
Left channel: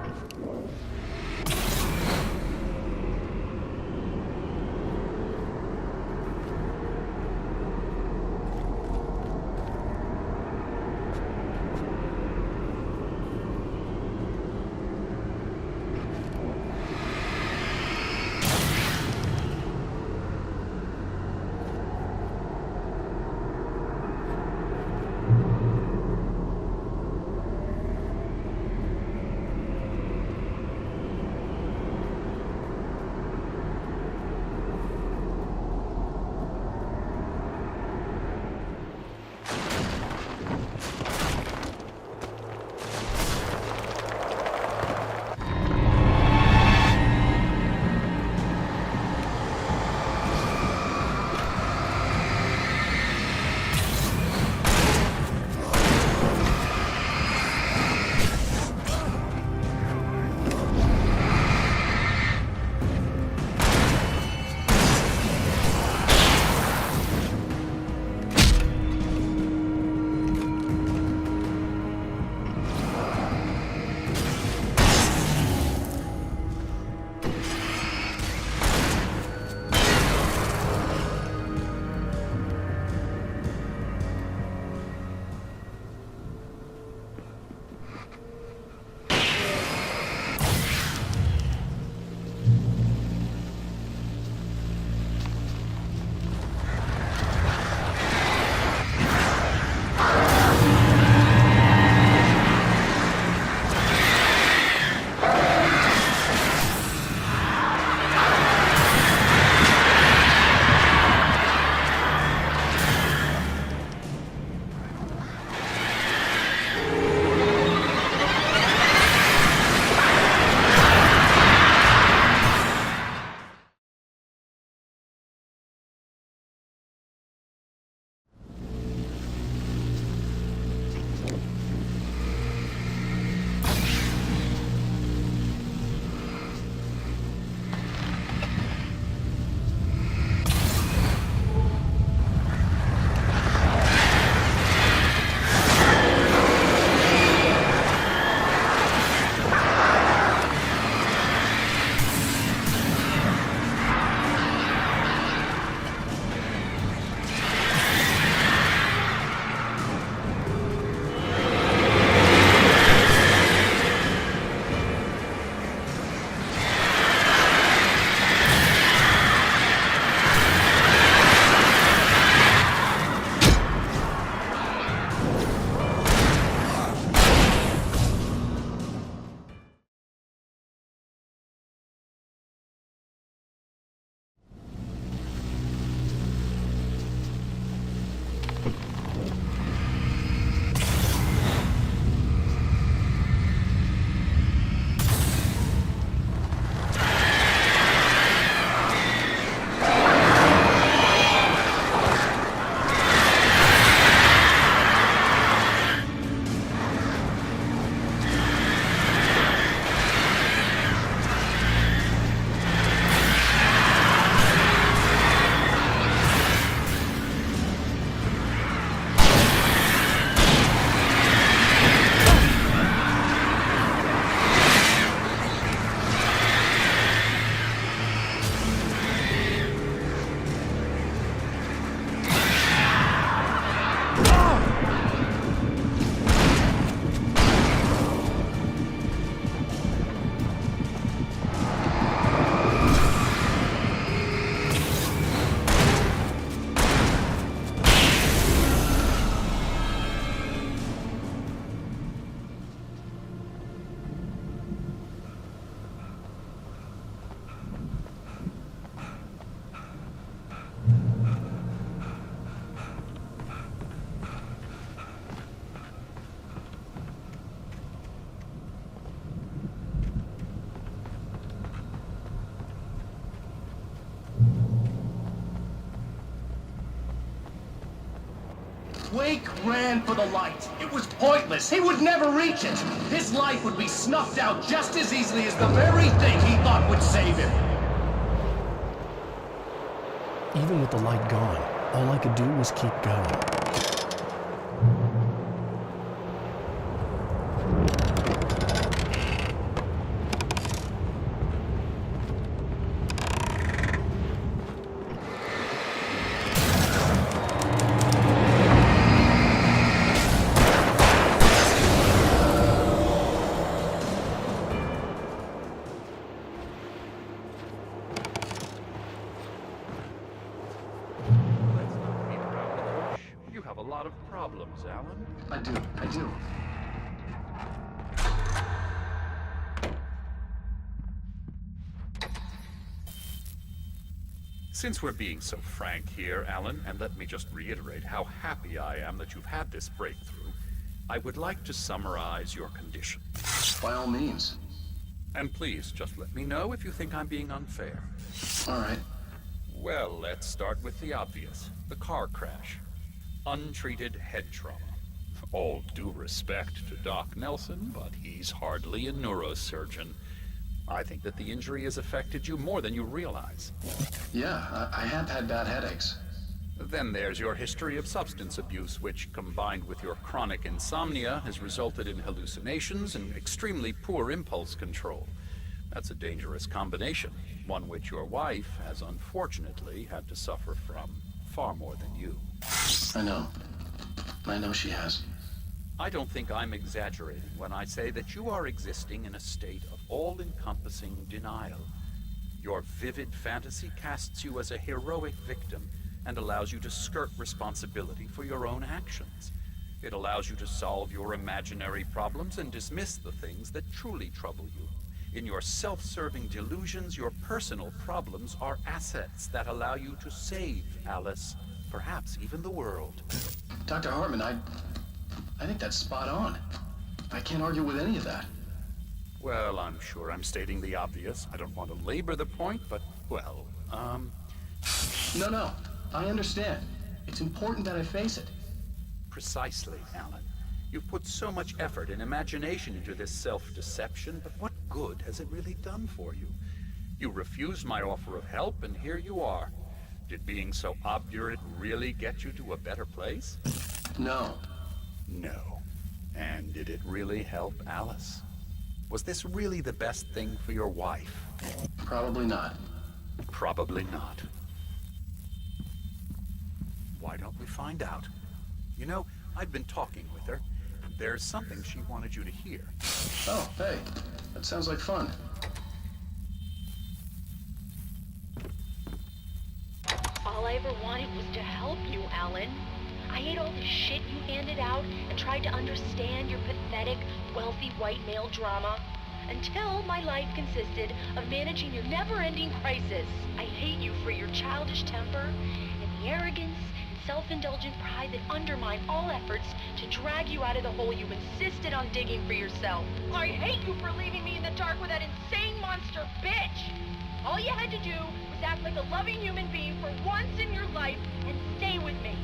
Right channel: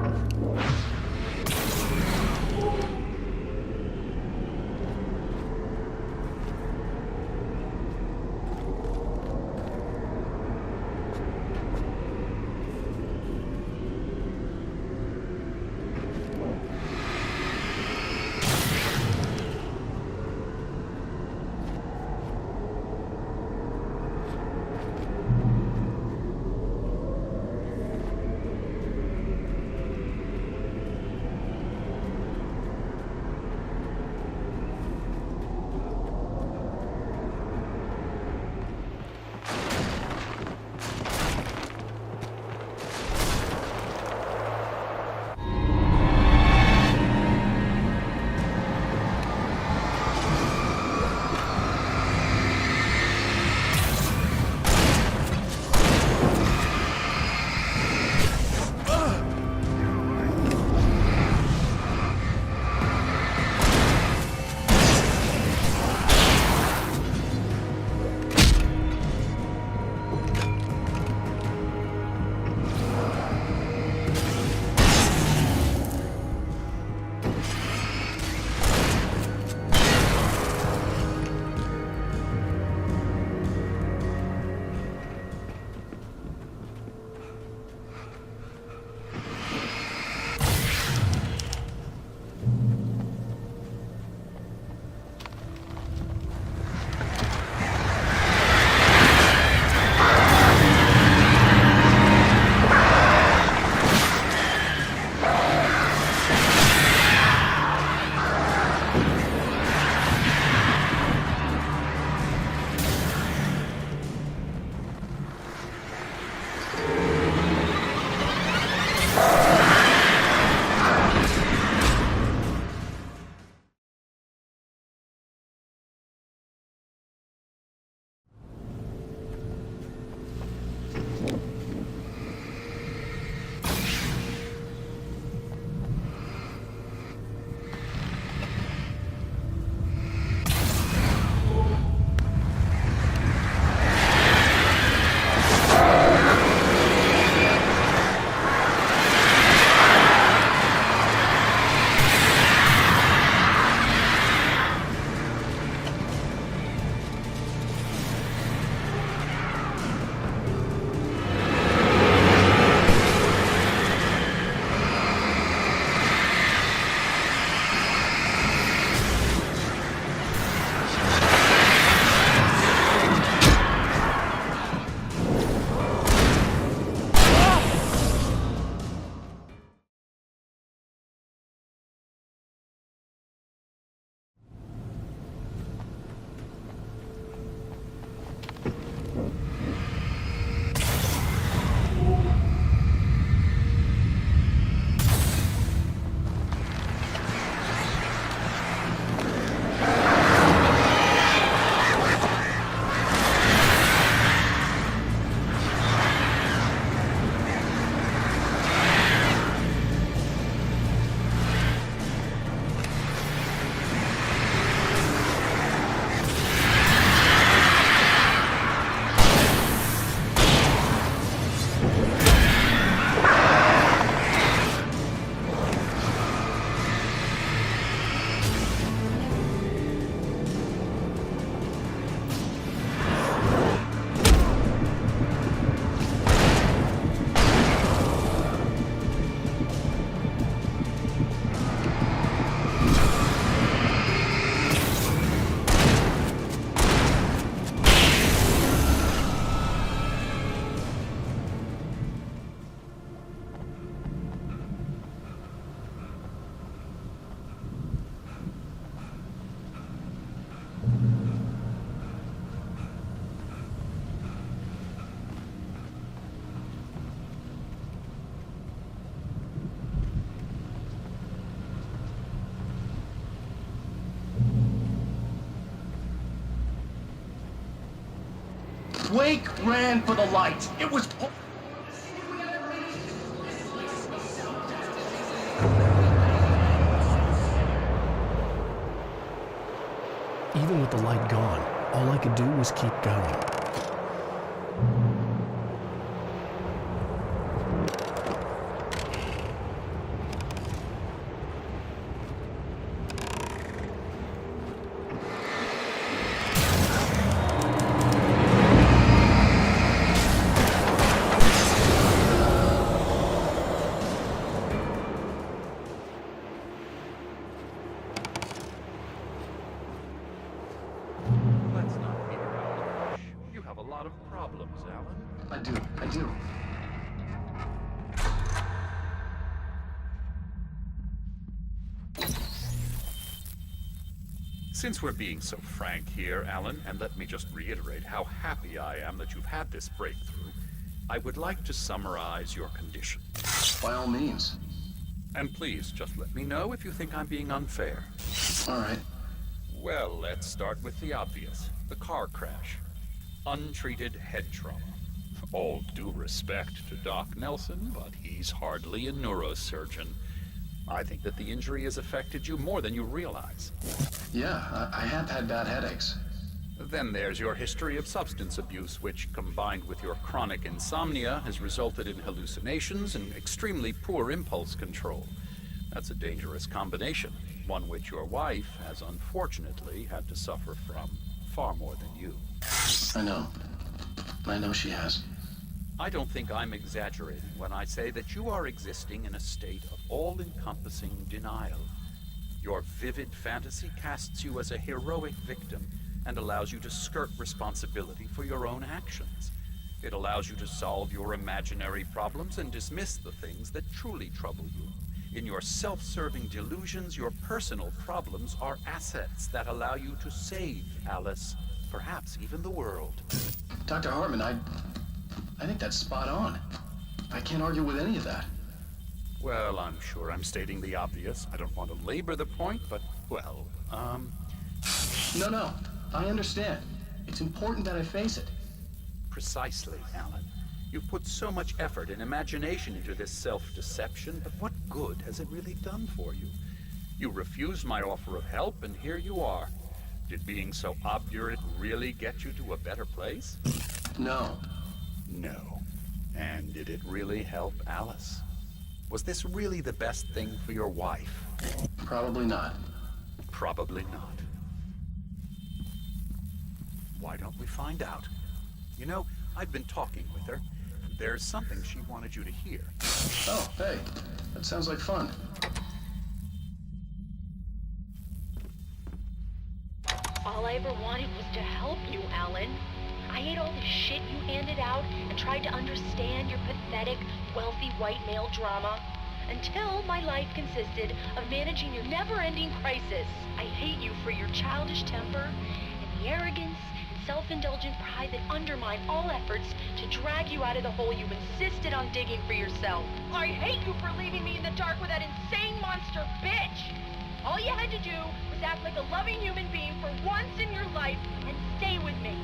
Wake ran for the light. It was pointless. He would never reach it. His life would be snuffed out just as easily as the very thing he thought would save him. Even with the light gone, all I could do was keep going. Let's not beat around the bush. You have a lot of problems, Alan. I do. Since we're being so frank here, Alan, and let me just reiterate how happy I am that you've had this breakthrough, I would like to summarize your condition. By all means. And please, just let me know if you think I'm being unfair. All right. Well, let's start with the obvious. The car crash. Untreated head trauma. All due respect to Doc Nelson, but he's hardly a neurosurgeon. I think that the injury has affected you more than you realize. Yeah, I have had bad headaches. Then there's your history of substance abuse, which, combined with your chronic insomnia, has resulted in hallucinations and extremely poor impulse control. That's a dangerous combination, one which your wife has unfortunately had to suffer from far more than you. I know she has. I don't think I'm exaggerating when I say that you are existing in a state of all-encompassing denial. Your vivid fantasy casts you as a heroic victim and allows you to skirt responsibility for your own actions. It allows you to solve your imaginary problems and dismiss the things that truly trouble you. In your self-serving delusions, your personal problems are assets that allow you to save Alice, perhaps even the world. Dr. Hartman, I think that's spot on. I can't argue with any of that. Well, I'm sure I'm stating the obvious. I don't want to labor the point, but, well, No, I understand. It's important that I face it. Precisely, Alan. You've put so much effort and imagination into this self-deception, but what good has it really done for you? You refused my offer of help, and here you are. Did being so obdurate really get you to a better place? No. No. And did it really help Alice? Was this really the best thing for your wife? Probably not. Probably not. Why don't we find out? You know, I've been talking with her. There's something she wanted you to hear. Oh, hey. That sounds like fun. All I ever wanted was to help you, Alan. I ate all the shit you handed out and tried to understand your pathetic, wealthy white male drama until my life consisted of managing your never-ending crisis. I hate you for your childish temper and the arrogance and self-indulgent pride that undermine all efforts to drag you out of the hole you insisted on digging for yourself. I hate you for leaving me in the dark with that insane monster bitch! All you had to do was act like a loving human being for once in your life and stay with me.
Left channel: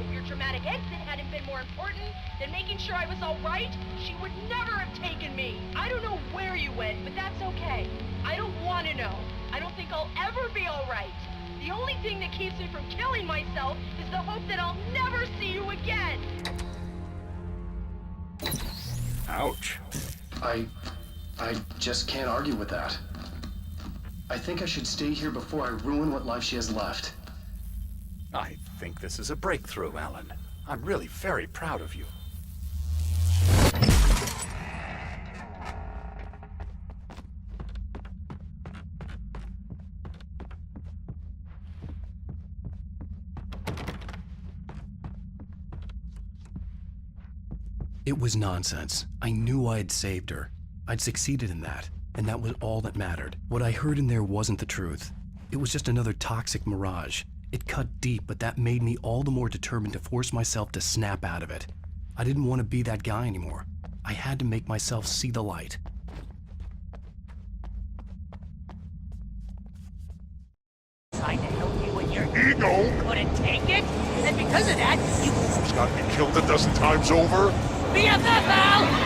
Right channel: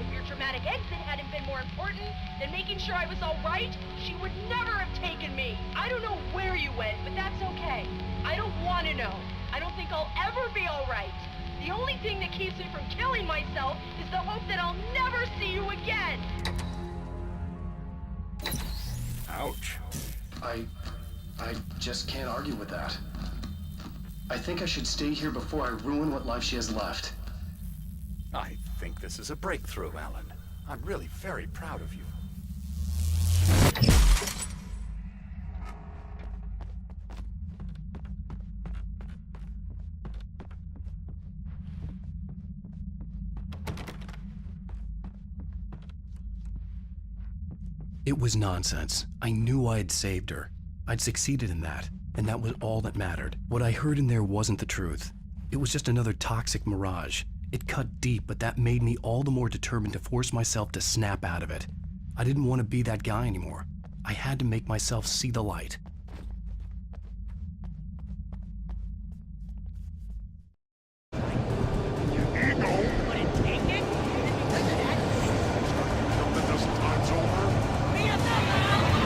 If your dramatic exit hadn't been more important than making sure I was all right, she would never have taken me. I don't know where you went, but that's okay. I don't want to know. I don't think I'll ever be all right. The only thing that keeps me from killing myself is the hope that I'll never see you again. Ouch. I just can't argue with that. I think I should stay here before I ruin what life she has left. I think this is a breakthrough, Alan. I'm really very proud of you. It was nonsense. I knew I'd saved her. I'd succeeded in that, and that was all that mattered. What I heard in there wasn't the truth. It was just another toxic mirage. It cut deep, but that made me all the more determined to force myself to snap out of it. I didn't want to be that guy anymore. I had to make myself see the light. Tried to help you with your ego. Couldn't take it, and because of that, you not be killed a dozen times over? BFF, Al!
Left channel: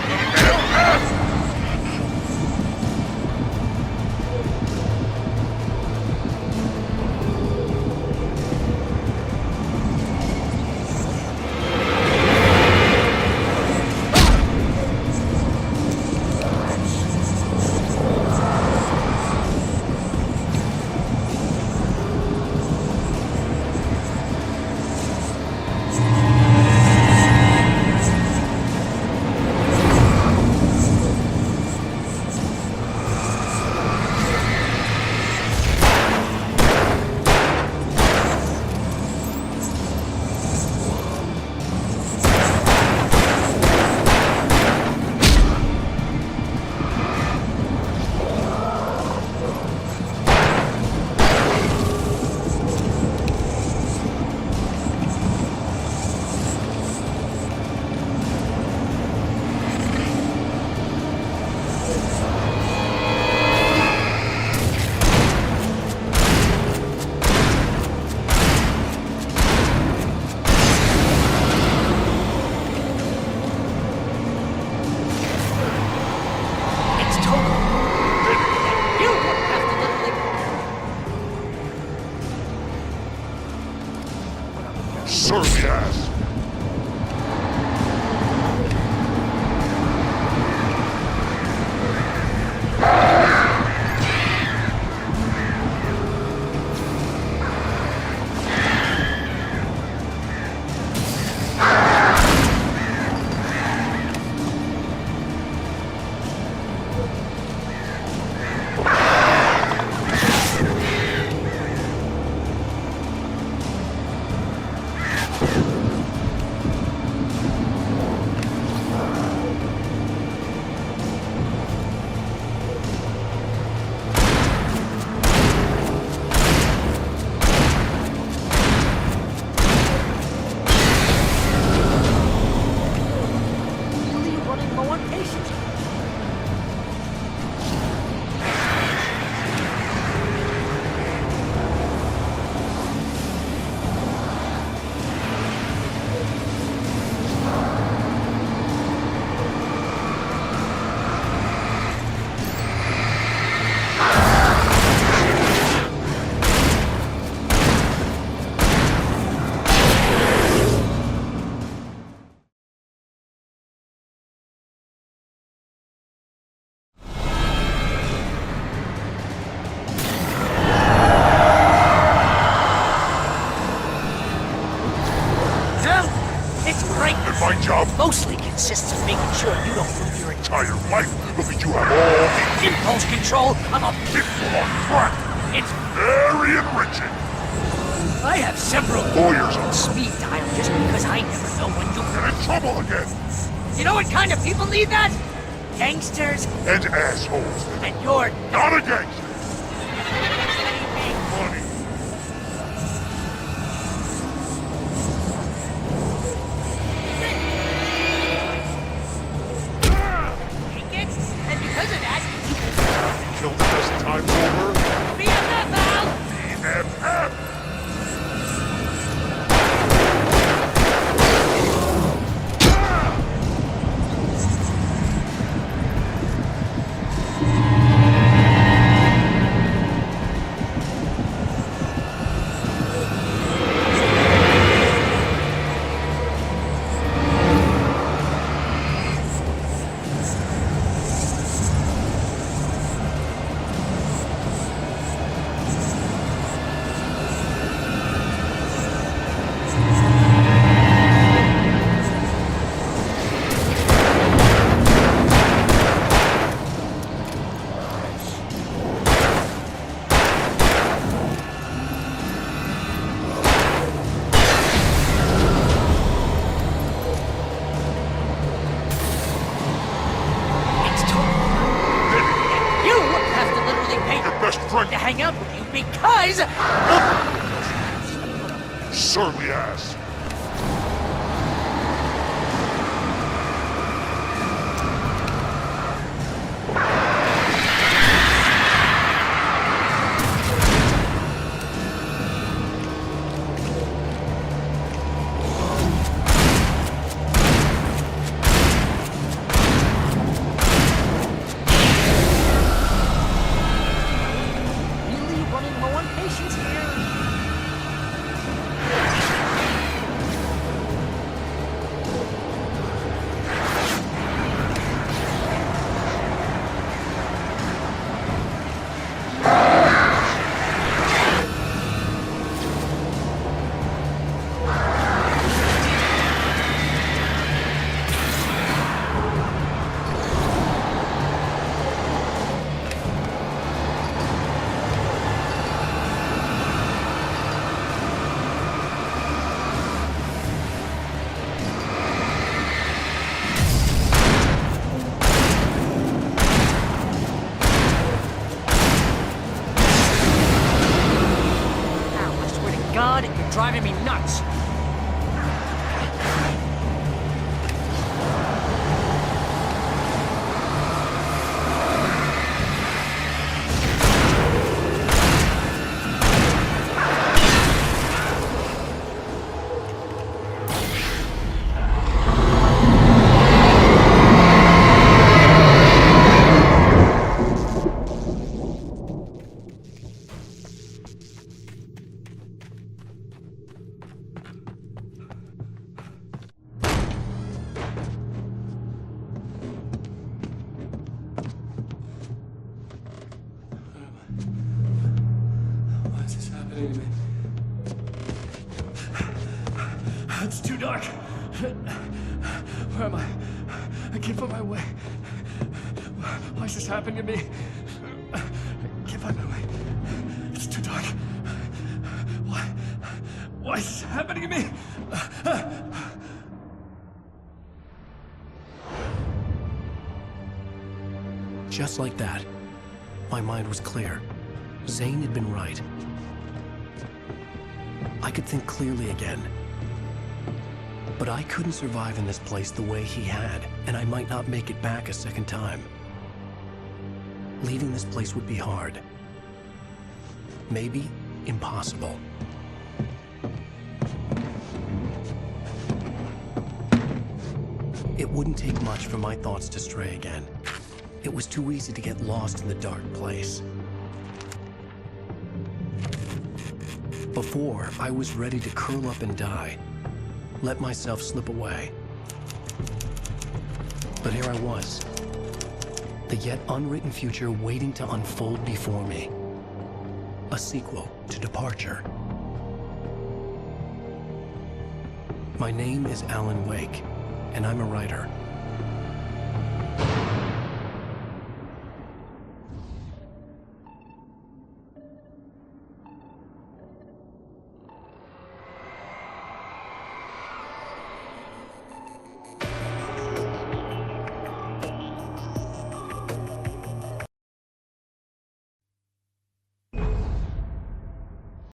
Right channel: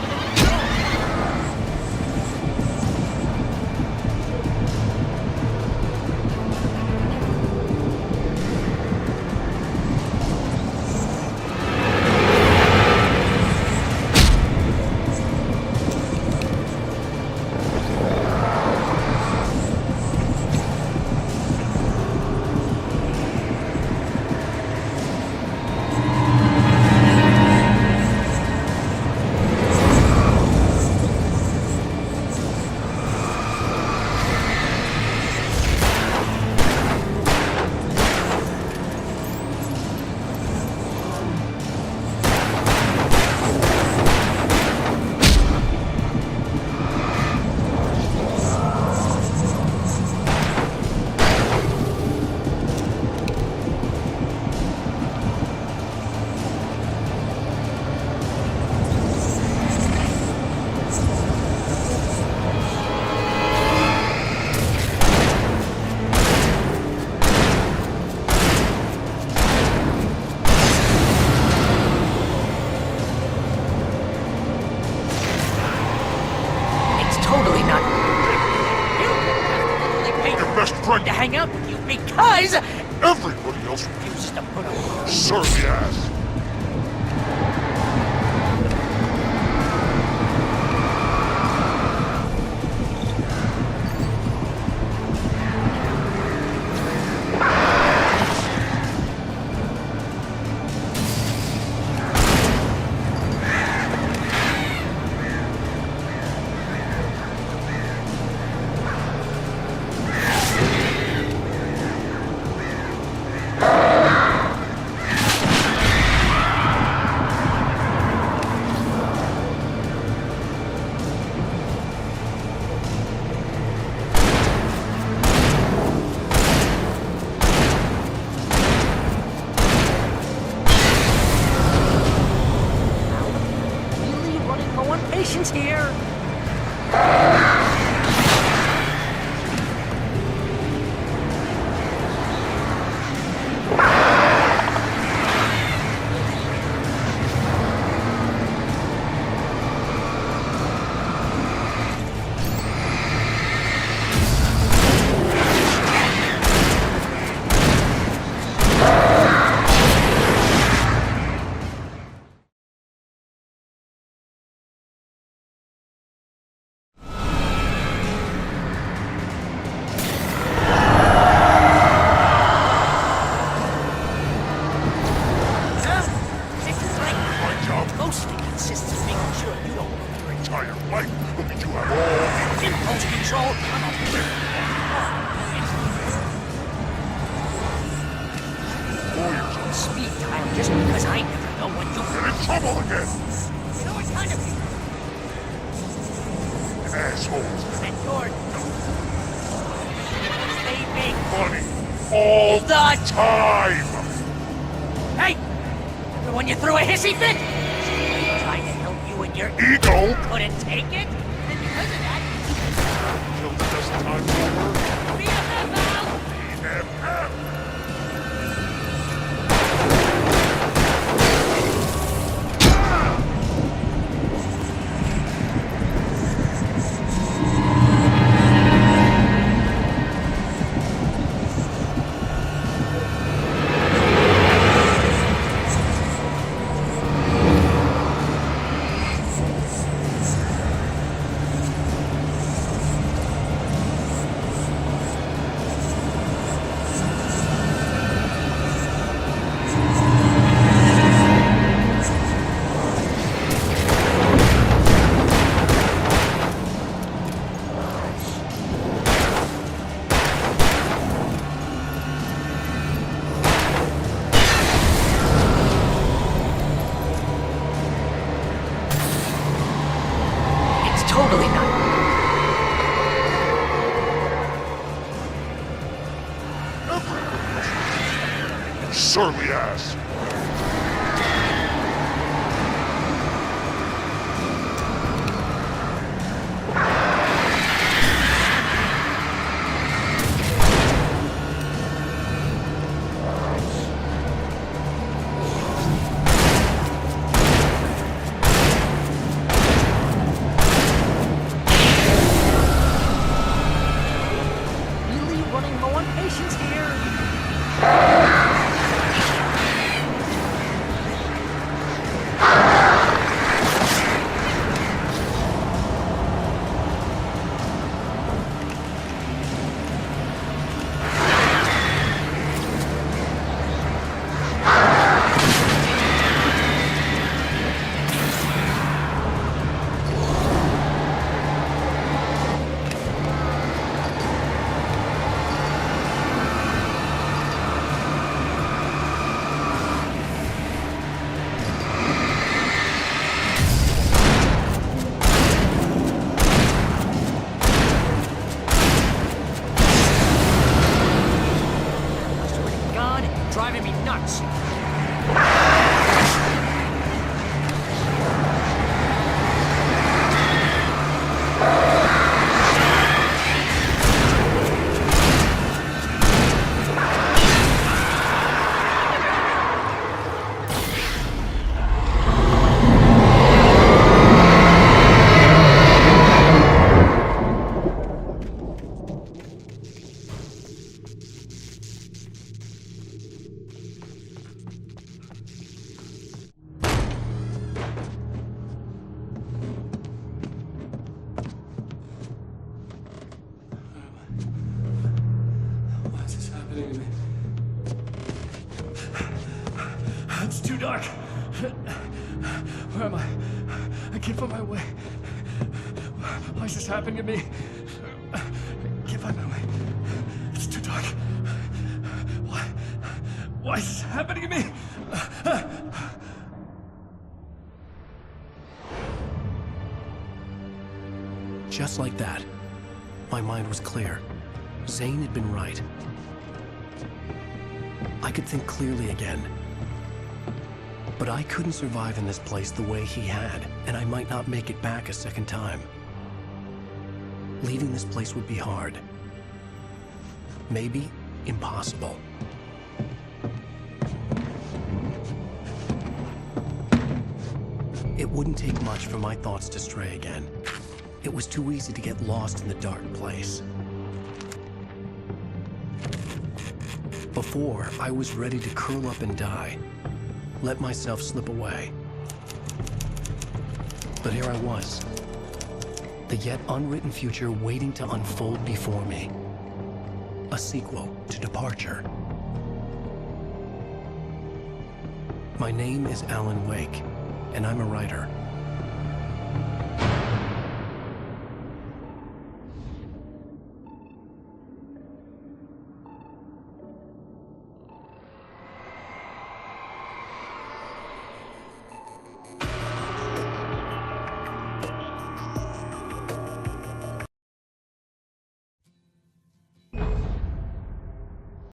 To hang out with you because Everybody else refuses to put up with your surly ass. running low on patience here. Mostly consists of making sure you don't lose your Entire life, but you have all the impulse control. I'm a crap. It's Very enriching. I have several Lawyers on speed dial just because I never know when you get in trouble again. You know what kind of people need that? Gangsters And assholes. and you're Not a gangster. because they make Money. All the time. Hey! When you threw a hissy fit! Trying to help you and your Ego. couldn't take it, and because of that, Killed a dozen times over. BFF, Al! BFF. It's totally not. You have to literally pay Best friend. to hang out with you because Surly ass. driving me nuts. Why is this happening to me? It's too dark. Where am I? I can't find my way. Why is this happening to me? I can't find my way. It's too dark. Why is this happening to me? Just like that, my mind was clear. Zane had been right. I could think clearly again. But I couldn't survive in this place the way he had, and I might not make it back a second time. Leaving this place would be hard. Maybe impossible. It wouldn't take much for my thoughts to stray again. It was too easy to get lost in the dark place. Before, I was ready to curl up and die, let myself slip away. But here I was, the yet unwritten future waiting to unfold before me. A sequel to Departure. My name is Alan Wake, and I'm a writer.